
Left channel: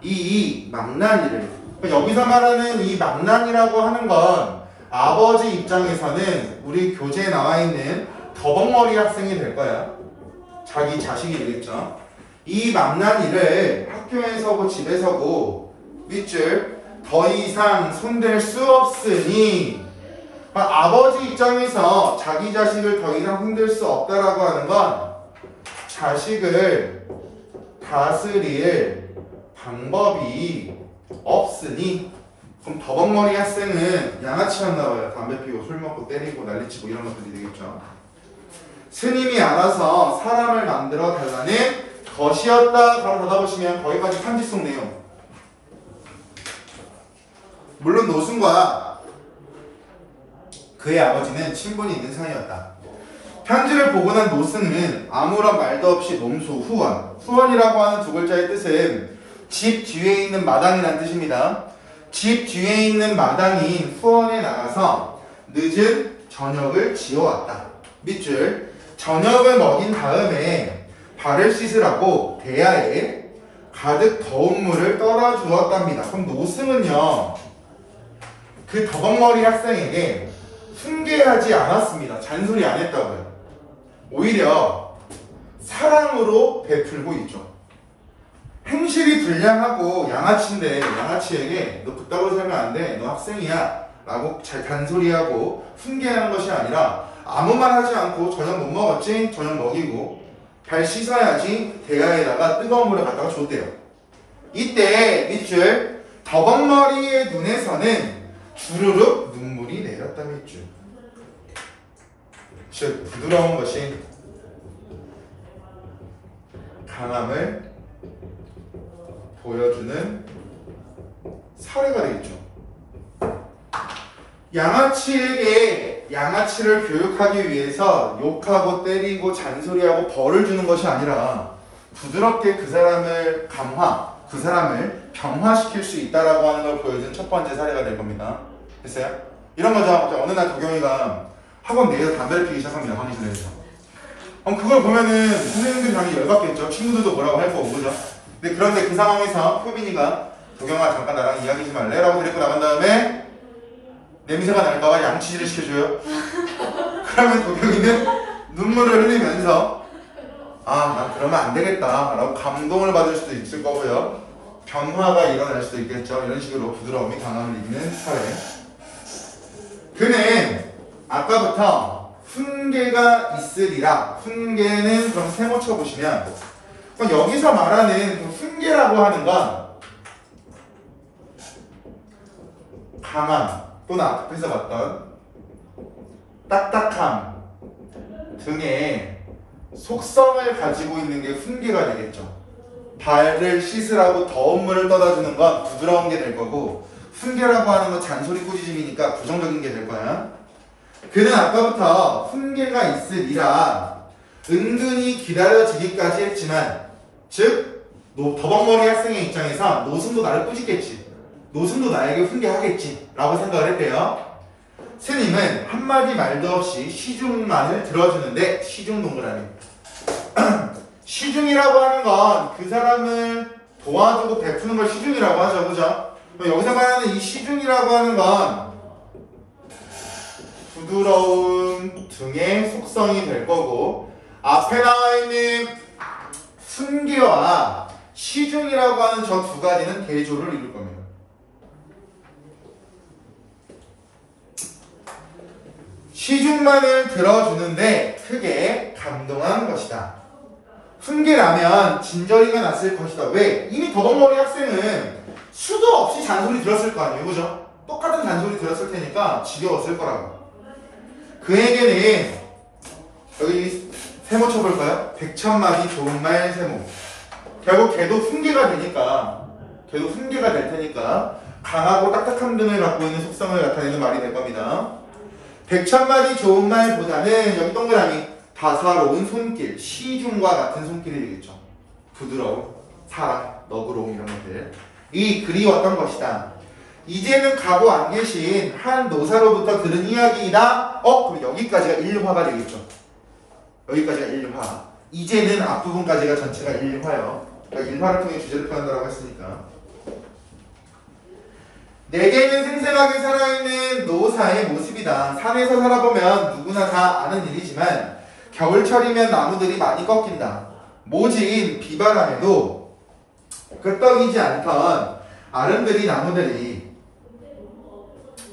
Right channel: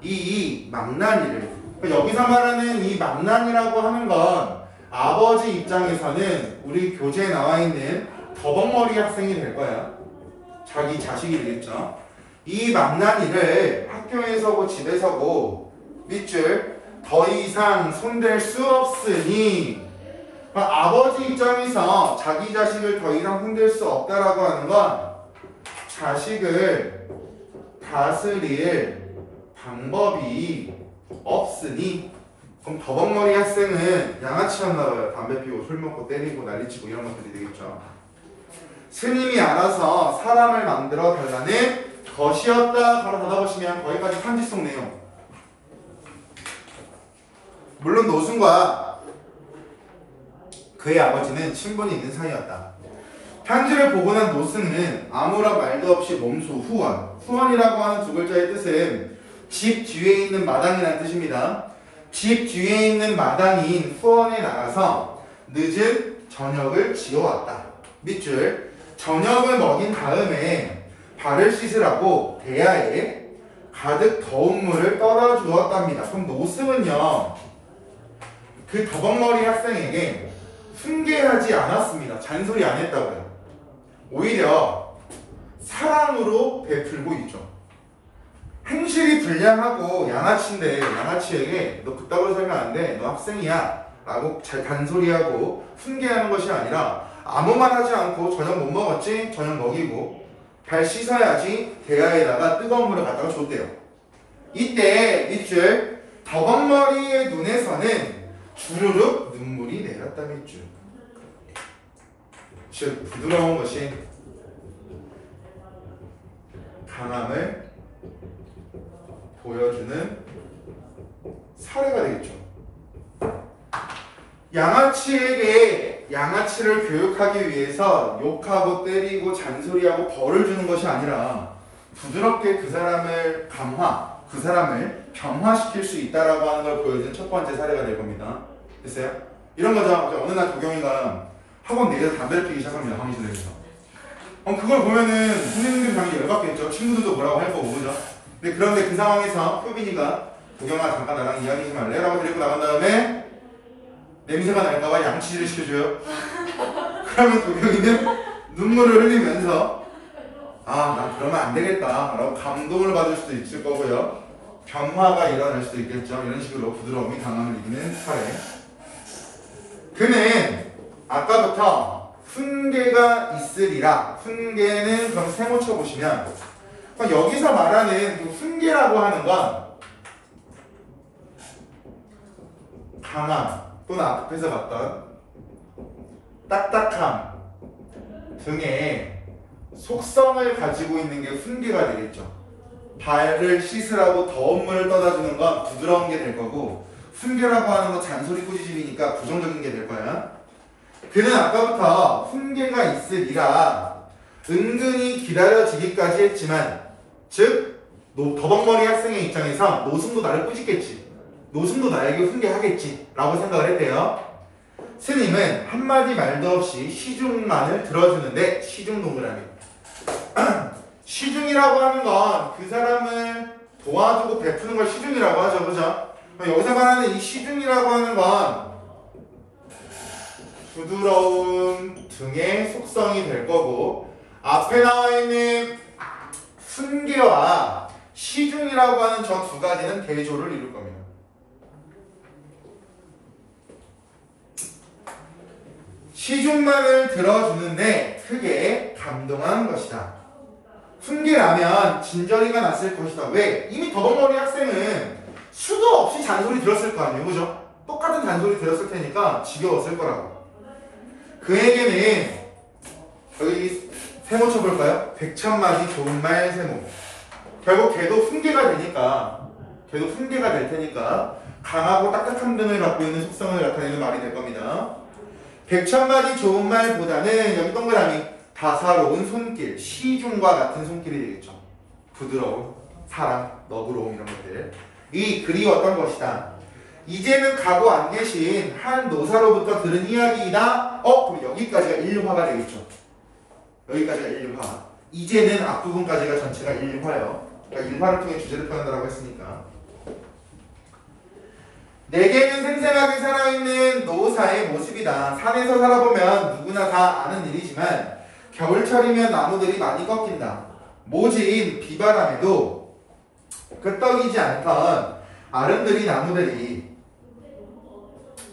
이 망나니를 여기서 말하는 이 망나니라고 하는 건 아버지 입장에서는 우리 교재에 나와 있는 더벅머리 학생이 될 거야. 자기 자식이 되겠죠. 이 만난 일을 학교에서고 집에서고 밑줄 더 이상 손댈 수 없으니 아버지 입장에서 자기 자식을 더 이상 손댈 수 없다라고 하는 건 자식을 다스릴 방법이 없으니 그럼 더벅머리 학생은 양아치였나봐요. 담배 피우고 술 먹고 때리고 난리치고 이런 것들이 되겠죠. 스님이 알아서 사람을 만들어 달라는 것이었다. 바로 닫아보시면 거기까지 편지 속 내용. 물론 노순과 그의 아버지는 친분이 있는 사이였다. 편지를 보고 난 노승은 아무런 말도 없이 몸소 후원. 후원이라고 하는 두 글자의 뜻은 집 뒤에 있는 마당이라는 뜻입니다. 집 뒤에 있는 마당인 후원에 나가서 늦은 저녁을 지어왔다. 밑줄 저녁을 먹인 다음에 발을 씻으라고 대야에 가득 더운 물을 떠다 주었답니다. 그럼 노승은요 그 더벅머리 학생에게 훈계하지 않았습니다. 잔소리 안 했다고요. 오히려 사랑으로 베풀고 있죠. 행실이 불량하고 양아치인데 양아치에게 너 그따구로 살면 안 돼. 너 학생이야. 라고 잘 잔소리하고 훈계하는 것이 아니라 아무 말 하지 않고 저녁 못 먹었지? 저녁 먹이고 발 씻어야지 대야에다가 뜨거운 물을 갖다가 줬대요. 이때 밑줄 더벅머리의 눈에서는 주르륵 눈물이 내렸다. 밑줄 즉 부드러운 것이 강함을 보여주는 사례가 되겠죠. 양아치에게 양아치를 교육하기 위해서 욕하고 때리고 잔소리하고 벌을 주는 것이 아니라 부드럽게 그 사람을 감화, 그 사람을 병화시킬 수 있다라고 하는 걸 보여주는 첫 번째 사례가 될 겁니다. 됐어요? 이런 거죠. 어느 날 도경이가 학원 내에서 담배를 피우기 시작합니다. 강의실 내에서. 그걸 보면은 선생님들이 당연히 열받겠죠. 친구들도 뭐라고 할 거고, 그죠? 그런데 그 상황에서 효빈이가 도경아 잠깐 나랑 이야기 좀 할래? 라고 데리고 나간 다음에 냄새가 날까봐 양치질을 시켜줘요. 그러면 도경이는 눈물을 흘리면서 나 그러면 안 되겠다 라고 감동을 받을 수도 있을 거고요. 변화가 일어날 수도 있겠죠. 이런 식으로 부드러움이 강함을 이기는 사례. 그는 아까부터 훈계가 있으리라. 훈계는 그럼 세모 쳐보시면 여기서 말하는 그 훈계라고 하는 건 강함 또는 앞에서 봤던 딱딱함 등의 속성을 가지고 있는 게 훈계가 되겠죠. 발을 씻으라고 더운 물을 떠다 주는 건 부드러운 게 될 거고 훈계라고 하는 건 잔소리 꾸짖음이니까 부정적인 게 될 거야. 그는 아까부터 훈계가 있으리라 은근히 기다려지기까지 했지만 즉 더벅머리 학생의 입장에서 노승도 나를 꾸짖겠지. 노승도 나에게 훈계하겠지 라고 생각을 했대요. 스님은 한마디 말도 없이 시중만을 들어주는데 시중 동그라미 시중이라고 하는 건 그 사람을 도와주고 베푸는 걸 시중이라고 하죠. 그죠? 여기서 말하는 이 시중이라고 하는 건 부드러운 등의 속성이 될 거고 앞에 나와 있는 훈계와 시중이라고 하는 저 두 가지는 대조를 이룰 겁니다. 시중만을 들어주는데 크게 감동한 것이다. 훈계라면 진저리가 났을 것이다. 왜? 이미 더벅머리 학생은 수도 없이 잔소리 들었을 거 아니에요. 그죠? 똑같은 잔소리 들었을 테니까 지겨웠을 거라고. 그에게는 여기 세모 쳐볼까요? 백천마디 좋은 말 세모. 결국 걔도 훈계가 되니까 걔도 훈계가 될 테니까 강하고 딱딱한 등을 갖고 있는 속성을 나타내는 말이 될 겁니다. 백천마디 좋은 말보다는 여기 동그라미 다사로운 손길, 시중과 같은 손길이 되겠죠. 부드러움, 사랑, 너그러움 이런 것들. 이 글이 어떤 것이다. 이제는 가고 안 계신 한 노사로부터 들은 이야기이다. 그럼 여기까지가 1화가 되겠죠. 여기까지가 1화. 이제는 앞부분까지가 전체가 1화요. 그러니까 1화를 통해 주제를 표현하라고 했으니까. 내게는 생생하게 살아있는 노사의 모습이다. 산에서 살아보면 누구나 다 아는 일이지만 겨울철이면 나무들이 많이 꺾인다. 모진 비바람에도 끄떡이지 않던 아름드리 나무들이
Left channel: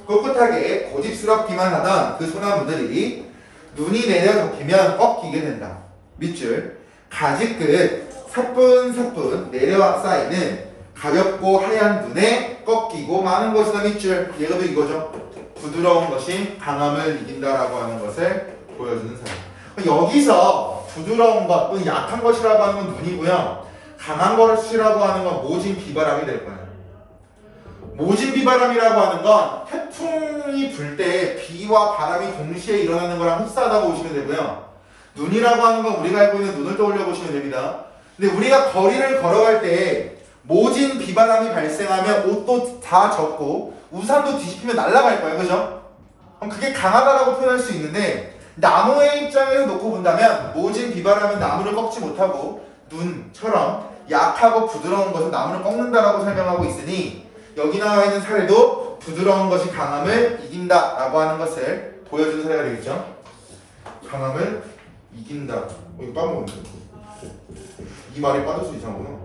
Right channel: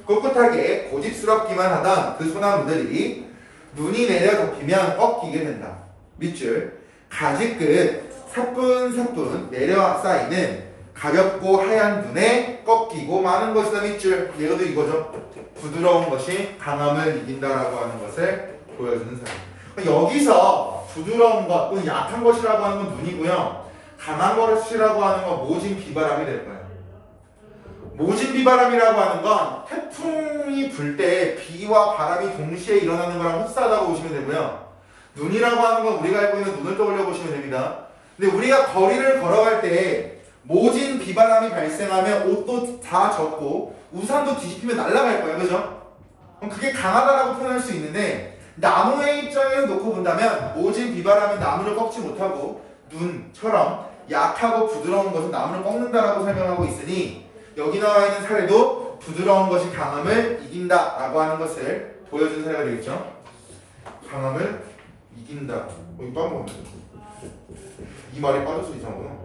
꿋꿋하게 고집스럽기만 하던 그 소나무들이 눈이 내려 덮이면 꺾이게 된다. 밑줄 가지 끝 사뿐사뿐 내려 쌓이는 가볍고 하얀 눈에 꺾이고 마는 것이다. 밑줄 얘가도 이거죠. 부드러운 것이 강함을 이긴다라고 하는 것을 보여주는 사례. 여기서 부드러운 것 또는 약한 것이라고 하는 건 눈이고요. 강한 것이라고 하는 건 모진 비바람이 될 거예요. 모진 비바람이라고 하는 건 태풍이 불 때 비와 바람이 동시에 일어나는 거랑 흡사하다고 보시면 되고요. 눈이라고 하는 건 우리가 알고 있는 눈을 떠올려 보시면 됩니다. 근데 우리가 거리를 걸어갈 때 모진 비바람이 발생하면 옷도 다 젖고 우산도 뒤집히면 날아갈 거예요. 그죠? 그럼 그게 강하다라고 표현할 수 있는데 나무의 입장에서 놓고 본다면 모진 비바람은 나무를 꺾지 못하고 눈처럼 약하고 부드러운 것은 나무를 꺾는다라고 설명하고 있으니 여기 나와 있는 사례도 부드러운 것이 강함을 이긴다라고 하는 것을 보여준 사례가 되겠죠. 강함을 이긴다. 이거 빠먹었네. 이 말이 빠져서 이상하구나.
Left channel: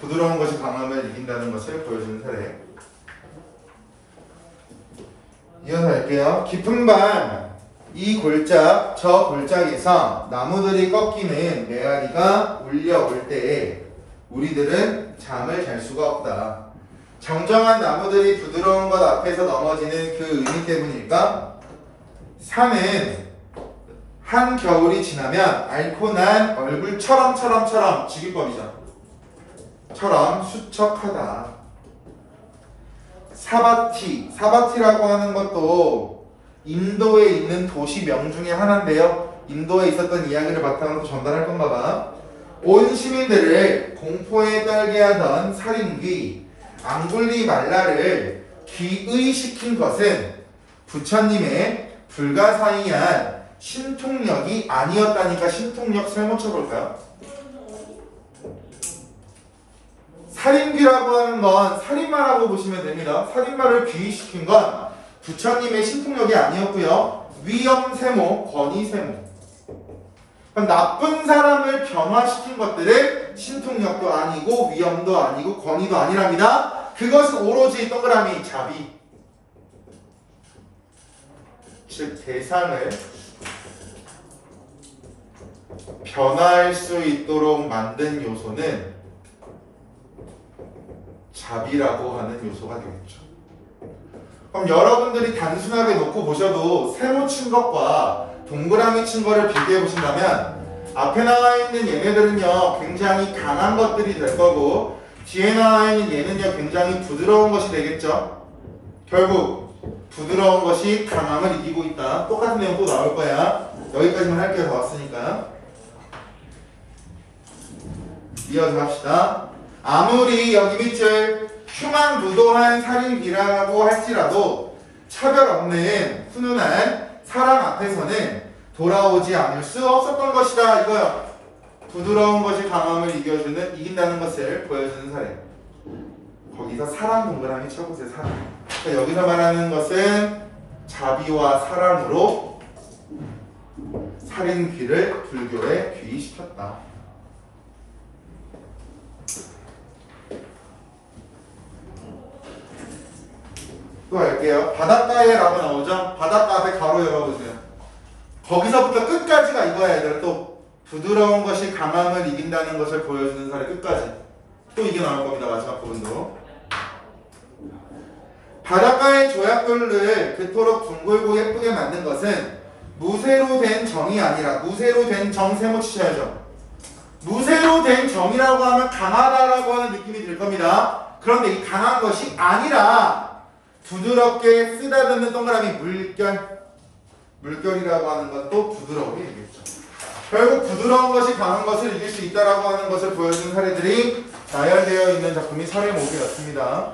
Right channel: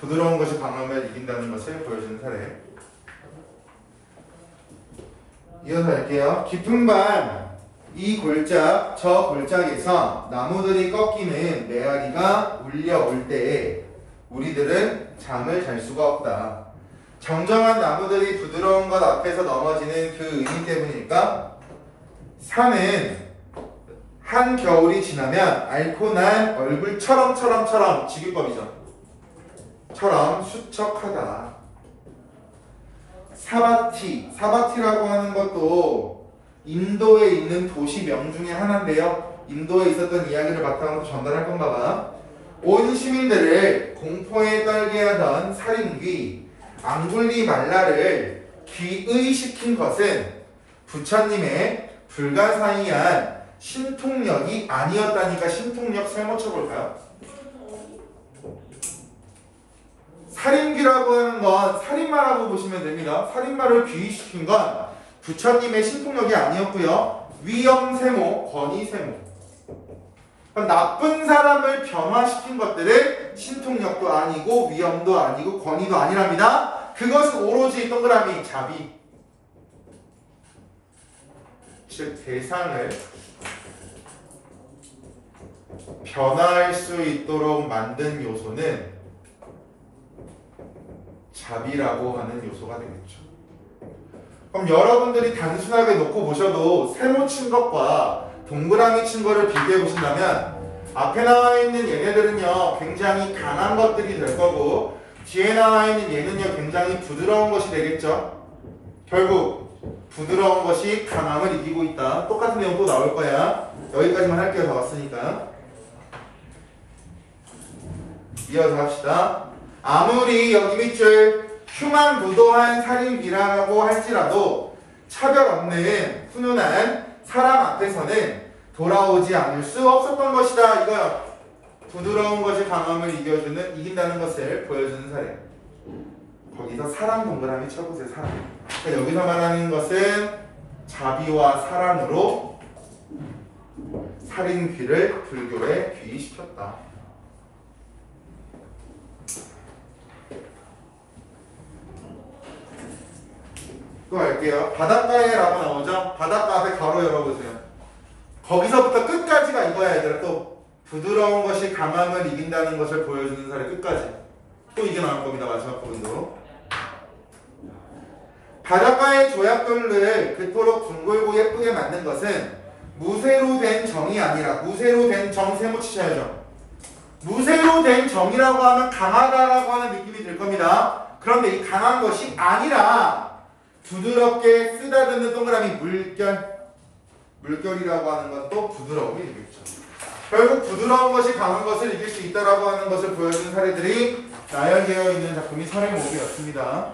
부드러운 것이 강함을 이긴다는 것을 보여주는 사례. 이어서 할게요. 깊은 밤 이 골짜 저 골짜기에서 나무들이 꺾이는 메아리가 울려올 때에 우리들은 잠을 잘 수가 없다. 정정한 나무들이 부드러운 것 앞에서 넘어지는 그 의미 때문일까? 산은 한겨울이 지나면 앓고 난 얼굴처럼 직유법이죠. 처럼 수척하다. 사바티라고 하는 것도 인도에 있는 도시명 중에 하나인데요. 인도에 있었던 이야기를 바탕으로 전달할 건가 봐. 온 시민들을 공포에 떨게 하던 살인귀 앙굴리말라를 귀의시킨 것은 부처님의 불가사의한 신통력이 아니었다니까. 신통력 설문 쳐볼까요? 살인귀라고 하는 건 살인마라고 보시면 됩니다. 살인마를 귀의시킨 건 부처님의 신통력이 아니었고요. 위험세모, 권위세모. 나쁜 사람을 변화시킨 것들은 신통력도 아니고 위험도 아니고 권위도 아니랍니다. 그것은 오로지 동그라미 자비. 즉 대상을 변화할 수 있도록 만든 요소는 자비라고 하는 요소가 되겠죠. 그럼 여러분들이 단순하게 놓고 보셔도 세모 친 것과 동그라미 친 거를 비교해 보신다면 앞에 나와 있는 얘네들은요 굉장히 강한 것들이 될 거고 뒤에 나와 있는 얘는요 굉장히 부드러운 것이 되겠죠. 결국 부드러운 것이 강함을 이기고 있다. 똑같은 내용 또 나올 거야. 여기까지만 할게요. 더 왔으니까. 이어서 합시다. 아무리 여기 밑줄 흉한무도한 살인이라고 할지라도 차별 없는 훈훈한 사람 앞에서는 돌아오지 않을 수 없었던 것이다. 이거요. 부드러운 것이 강함을 이긴다는 것을 보여주는 사례. 거기서 사랑 동그라미 쳐보세요. 사랑. 그러니까 여기서 말하는 것은 자비와 사랑으로 살인귀를 불교에 귀의시켰다. 또 할게요. 바닷가에 라고 나오죠? 바닷가 앞에 가로 열어보세요. 거기서부터 끝까지가 이거야. 얘들아. 또 부드러운 것이 강함을 이긴다는 것을 보여주는 사례 끝까지. 또 이게 나올 겁니다. 마지막 부분도. 바닷가의 조약돌을 그토록 둥글고 예쁘게 만든 것은 무쇠로 된 정이 아니라 무쇠로 된 정 세모 치셔야죠. 무쇠로 된 정이라고 하면 강하다라고 하는 느낌이 들 겁니다. 그런데 이 강한 것이 아니라 부드럽게 쓰다듬는 동그라미 물결이라고 하는 것도 부드러움이 되겠죠. 결국 부드러운 것이 강한 것을 이길 수 있다라고 하는 것을 보여준 사례들이 나열되어 있는 작품이 설의 목이었습니다.